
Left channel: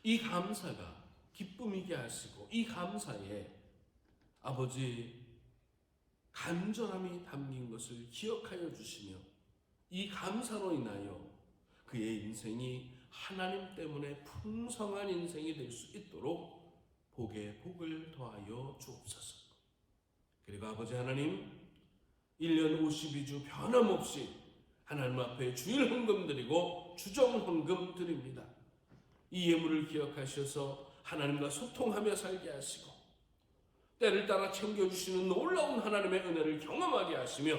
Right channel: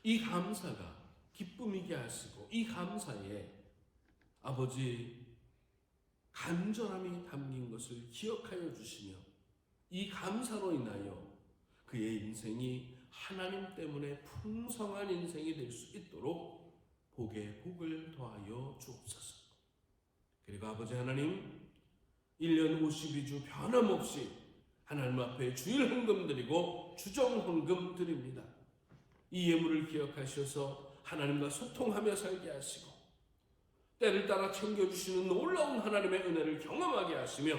이 감사가 기쁨이게 하시고 이 감사에 아버지 간절함이 담긴 것을 기억하여 주시며 이 감사로 인하여 그의 인생이 하나님 때문에 풍성한 인생이 될 수 있도록 복에 복을 더하여 주옵소서. 그리고 아버지 하나님, 1년 52주 변함없이 하나님 앞에 주일 헌금 드리고 주정 헌금 드립니다. 이 예물을 기억하셔서 하나님과 소통하며 살게 하시고 때를 따라 챙겨주시는 놀라운 하나님의 은혜를 경험하게 하시며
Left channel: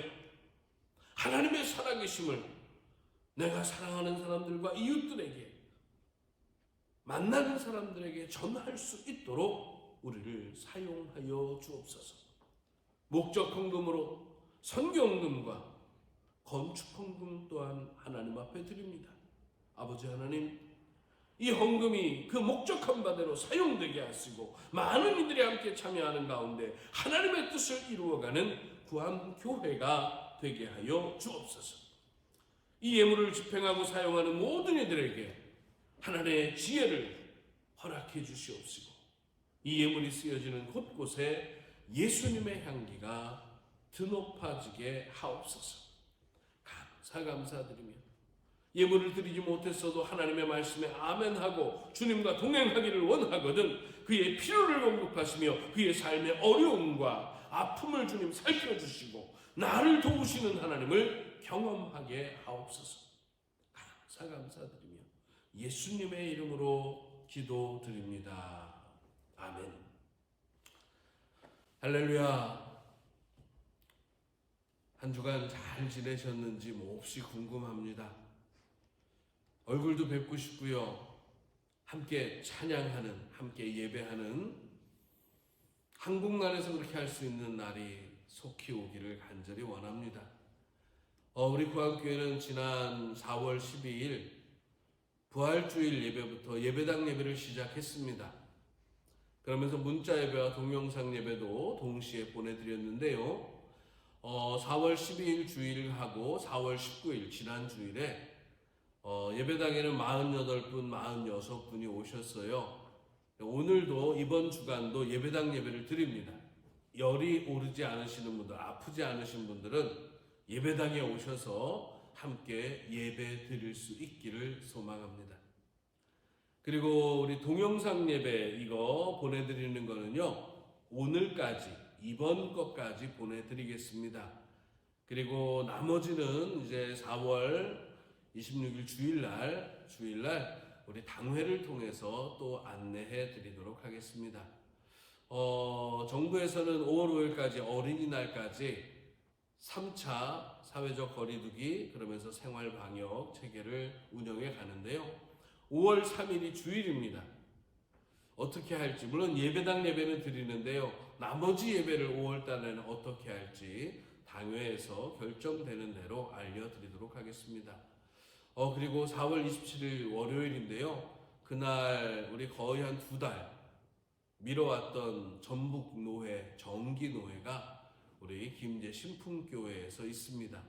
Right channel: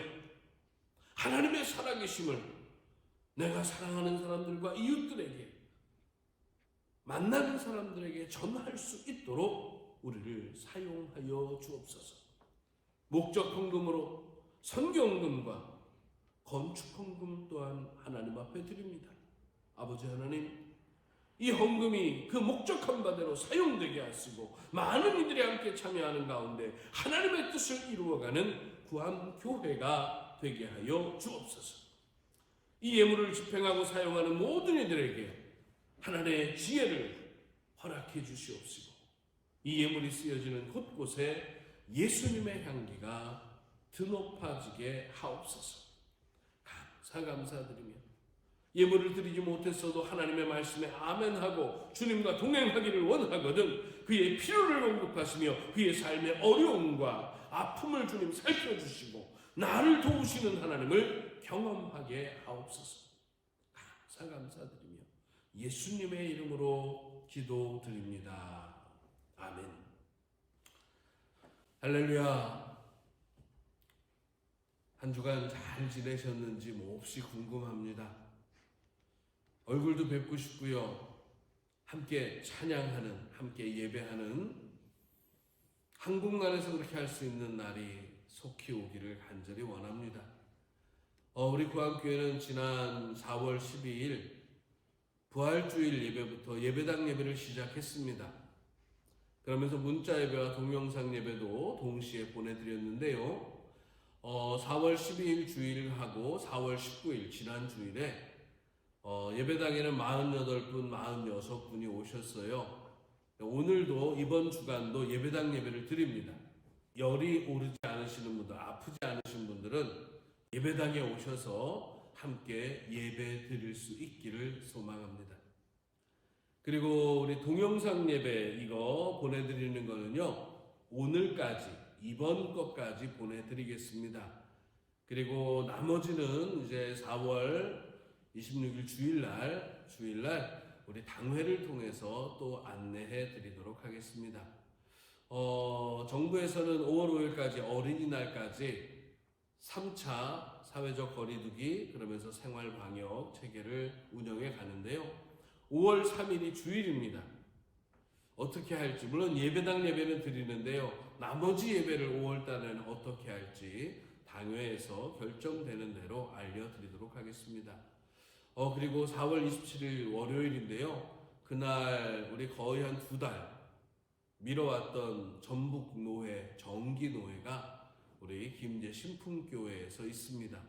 하나님의 살아계심을 내가 사랑하는 사람들과 이웃들에게 만나는 사람들에게 전할 수 있도록 우리를 사용하여 주옵소서. 목적 헌금으로 선교 헌금과 건축 헌금 또한 하나님 앞에 드립니다. 아버지 하나님, 이 헌금이 그 목적한 바대로 사용되게 하시고 많은 이들이 함께 참여하는 가운데 하나님의 뜻을 이루어가는 구암교회가 되게 하여 주옵소서. 이 예물을 집행하고 사용하는 모든 이들에게 하나님의 지혜를 허락해 주시옵시고 이 예물이 쓰여지는 곳곳에 예수님의 향기가 드높아지게 하옵소서. 감사드리며 예물을 드리지 못했어도 하나님의 말씀에 아멘하고 주님과 동행하기를 원하거든 그의 필요를 공급하시며 그의 삶의 어려움과 아픔을 주님 살펴주시고 나를 도우시는 하나님을 경험하게 하옵소서. 감사드리며 예수님의 이름으로 기도드립니다. 아멘. 할렐루야. 한 주간 잘 지내셨는지 몹시 궁금합니다. 얼굴도 뵙고 싶고요. 함께 찬양하는, 함께 예배하는 한국만에서 그렇게 할 수 있는 날이 속히 오기를 간절히 원합니다. 우리 구암교회는 지난 4월 12일 부활주일 예배부터 예배당 예배를 시작했습니다. 그러면서 문자 예배와 동영상 예배도 동시에 보내드렸는데요. 4월 12일 주일하고 4월 19일 지난 주일에 예배당에는 48분, 46분이 오셨어요. 오늘도 이번 주간도 예배당 예배를 드립니다. 열이 오르지 않으시는 분들, 아프지 않으신 분들은 예배당에 오셔서 함께 예배 드릴 수 있기를 소망합니다. 그리고 우리 동영상 예배 이거 보내드리는 거는요, 오늘까지, 이번 것까지 보내드리겠습니다. 그리고 나머지는 이제 4월 26일 주일날 우리 당회를 통해서 또 안내해 드리도록 하겠습니다. 정부에서는 5월 5일까지 어린이날까지 3차 사회적 거리두기 그러면서 생활 방역 체계를 운영해 가는데요. 5월 3일이 주일입니다. 어떻게 할지, 물론 예배당 예배는 드리는데요. 나머지 예배를 5월 달에는 어떻게 할지 당회에서 결정되는 대로 알려드리도록 하겠습니다. 그리고 4월 27일 월요일인데요. 그날 우리 거의 한 2달 미뤄왔던 전북노회, 정기노회가 우리 김제 신풍교회에서 있습니다.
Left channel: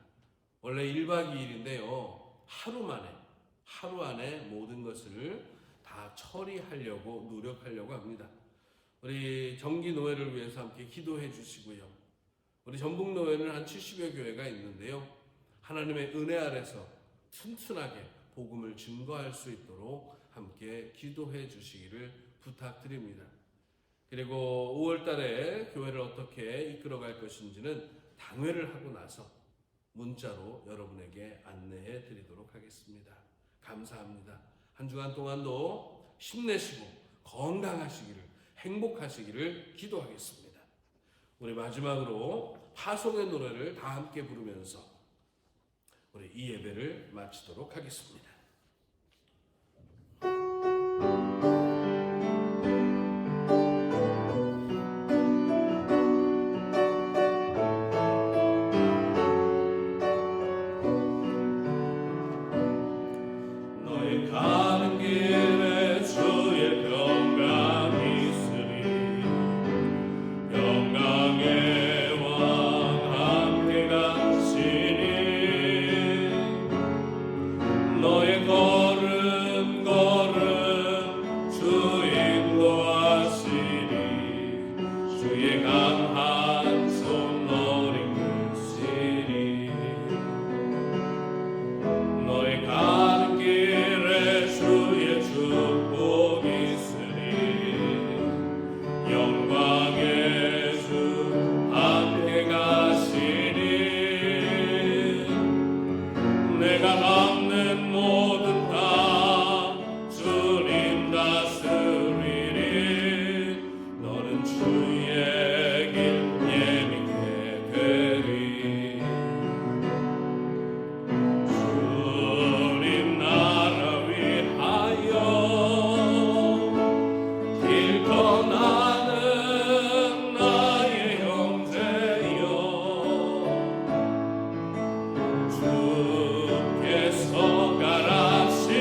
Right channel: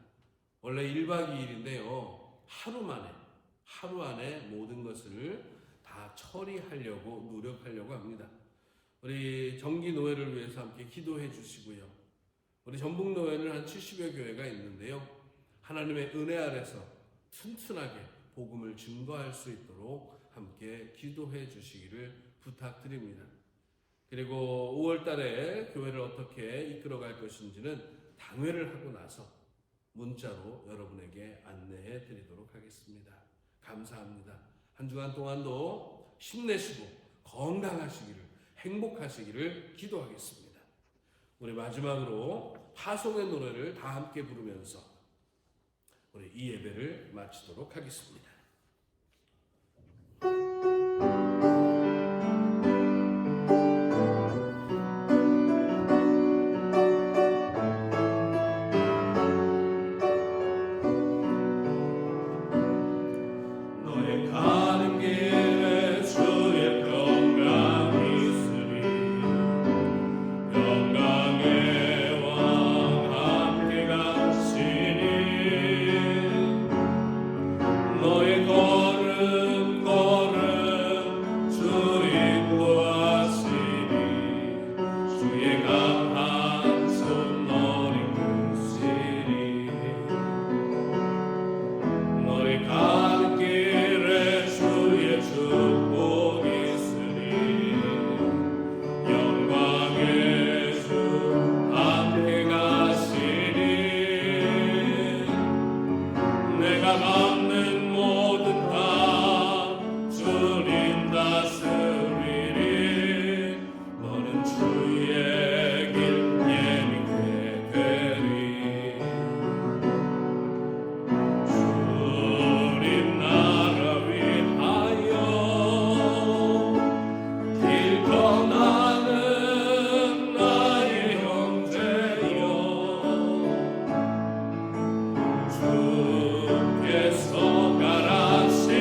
원래 1박 2일인데요. 하루 안에 모든 것을 다 처리하려고 노력하려고 합니다. 우리 정기 노회를 위해서 함께 기도해 주시고요. 우리 전북 노회는 한 70여 교회가 있는데요. 하나님의 은혜 아래서 튼튼하게 복음을 증거할 수 있도록 함께 기도해 주시기를 부탁드립니다. 그리고 5월 달에 교회를 어떻게 이끌어갈 것인지는 당회를 하고 나서 문자로 여러분에게 안내해 드리도록 하겠습니다. 감사합니다. 한 주간 동안도 힘내시고 건강하시기를, 행복하시기를 기도하겠습니다. 우리 마지막으로 파송의 노래를 다 함께 부르면서 우리 이 예배를 마치도록 하겠습니다. 너의 가는 길에 주의 평강이 있으리. 평강의 왕 함께 가시니 너의 걸음 걸음 주 인도하시니 주의 강한 손 너를 이끄시니 너의 가는 길에 주의 축복이 있으니 영광의 주 함께 가시니 내가 밟는 모든 땅 주님 다스리리. 너는 주의 길 예민케 되리. 주님 나라 위하여 길 떠나는 나의 형제여 주께서 가라시니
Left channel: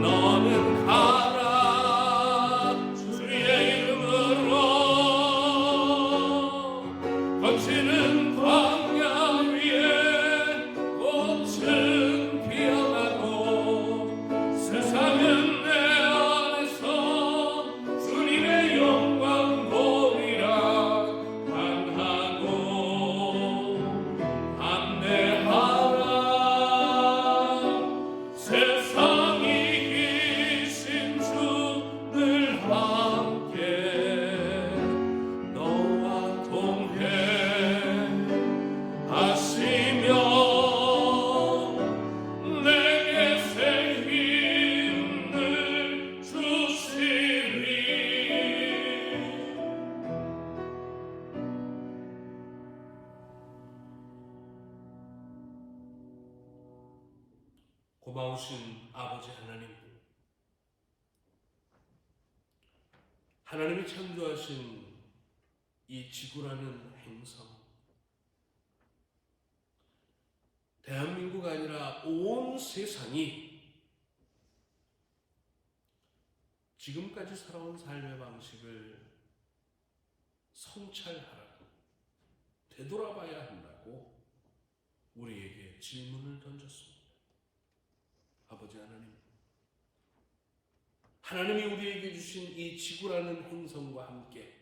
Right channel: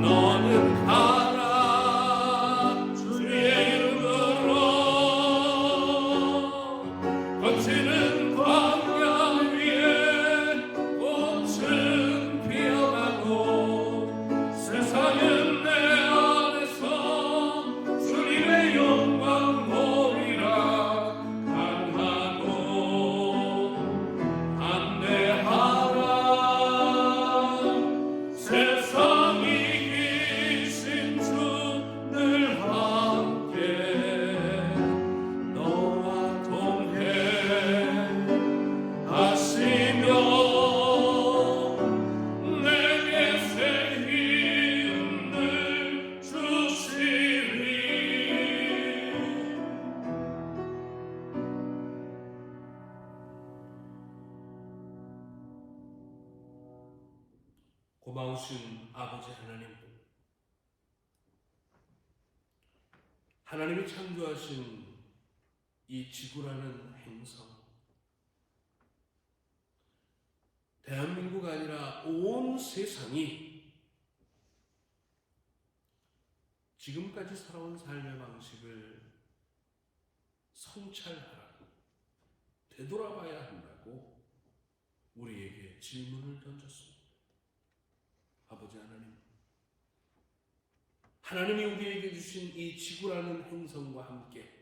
너는 가라 주의 이름으로. 거치는 광야 위에 꽃은 피어나고 세상은 내 안에서 주님의 영광 보리라. 강하고 안내하라. 세상이 이기신 주 늘 함께 너와 동해 하시며 내게 새 힘을 주시리. 고마우신 아버지 하나님, 하나님이 창조하신 이 지구라는 행성, 대한민국 아니라 온 세상이 지금까지 살아온 삶의 방식을 성찰하라, 되돌아봐야 한다고 우리에게 질문을 던졌습니다. 아버지 하나님, 하나님이 우리에게 주신 이 지구라는 행성과 함께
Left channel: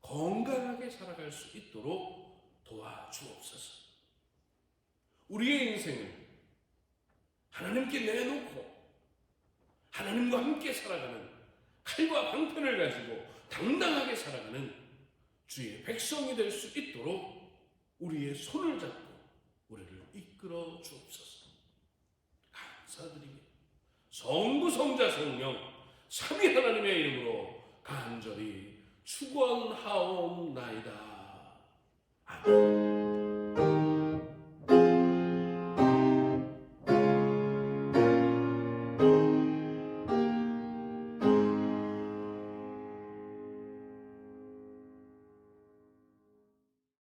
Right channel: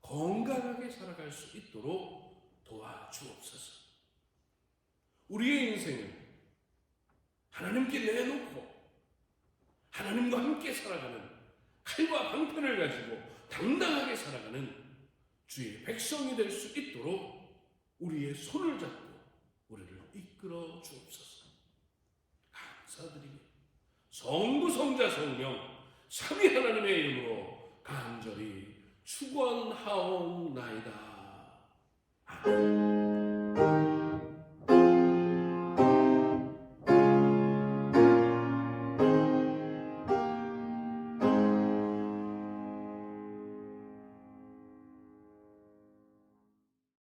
건강하게 살아갈 수 있도록 도와주옵소서. 우리의 인생을 하나님께 내놓고 하나님과 함께 살아가는, 칼과 방편을 가지고 당당하게 살아가는 주의 백성이 될 수 있도록 우리의 손을 잡고 우리를 이끌어 주옵소서. 감사드리며 성부 성자 성령 삼위 하나님의 이름으로 간절히 축원하옵나이다. 아멘.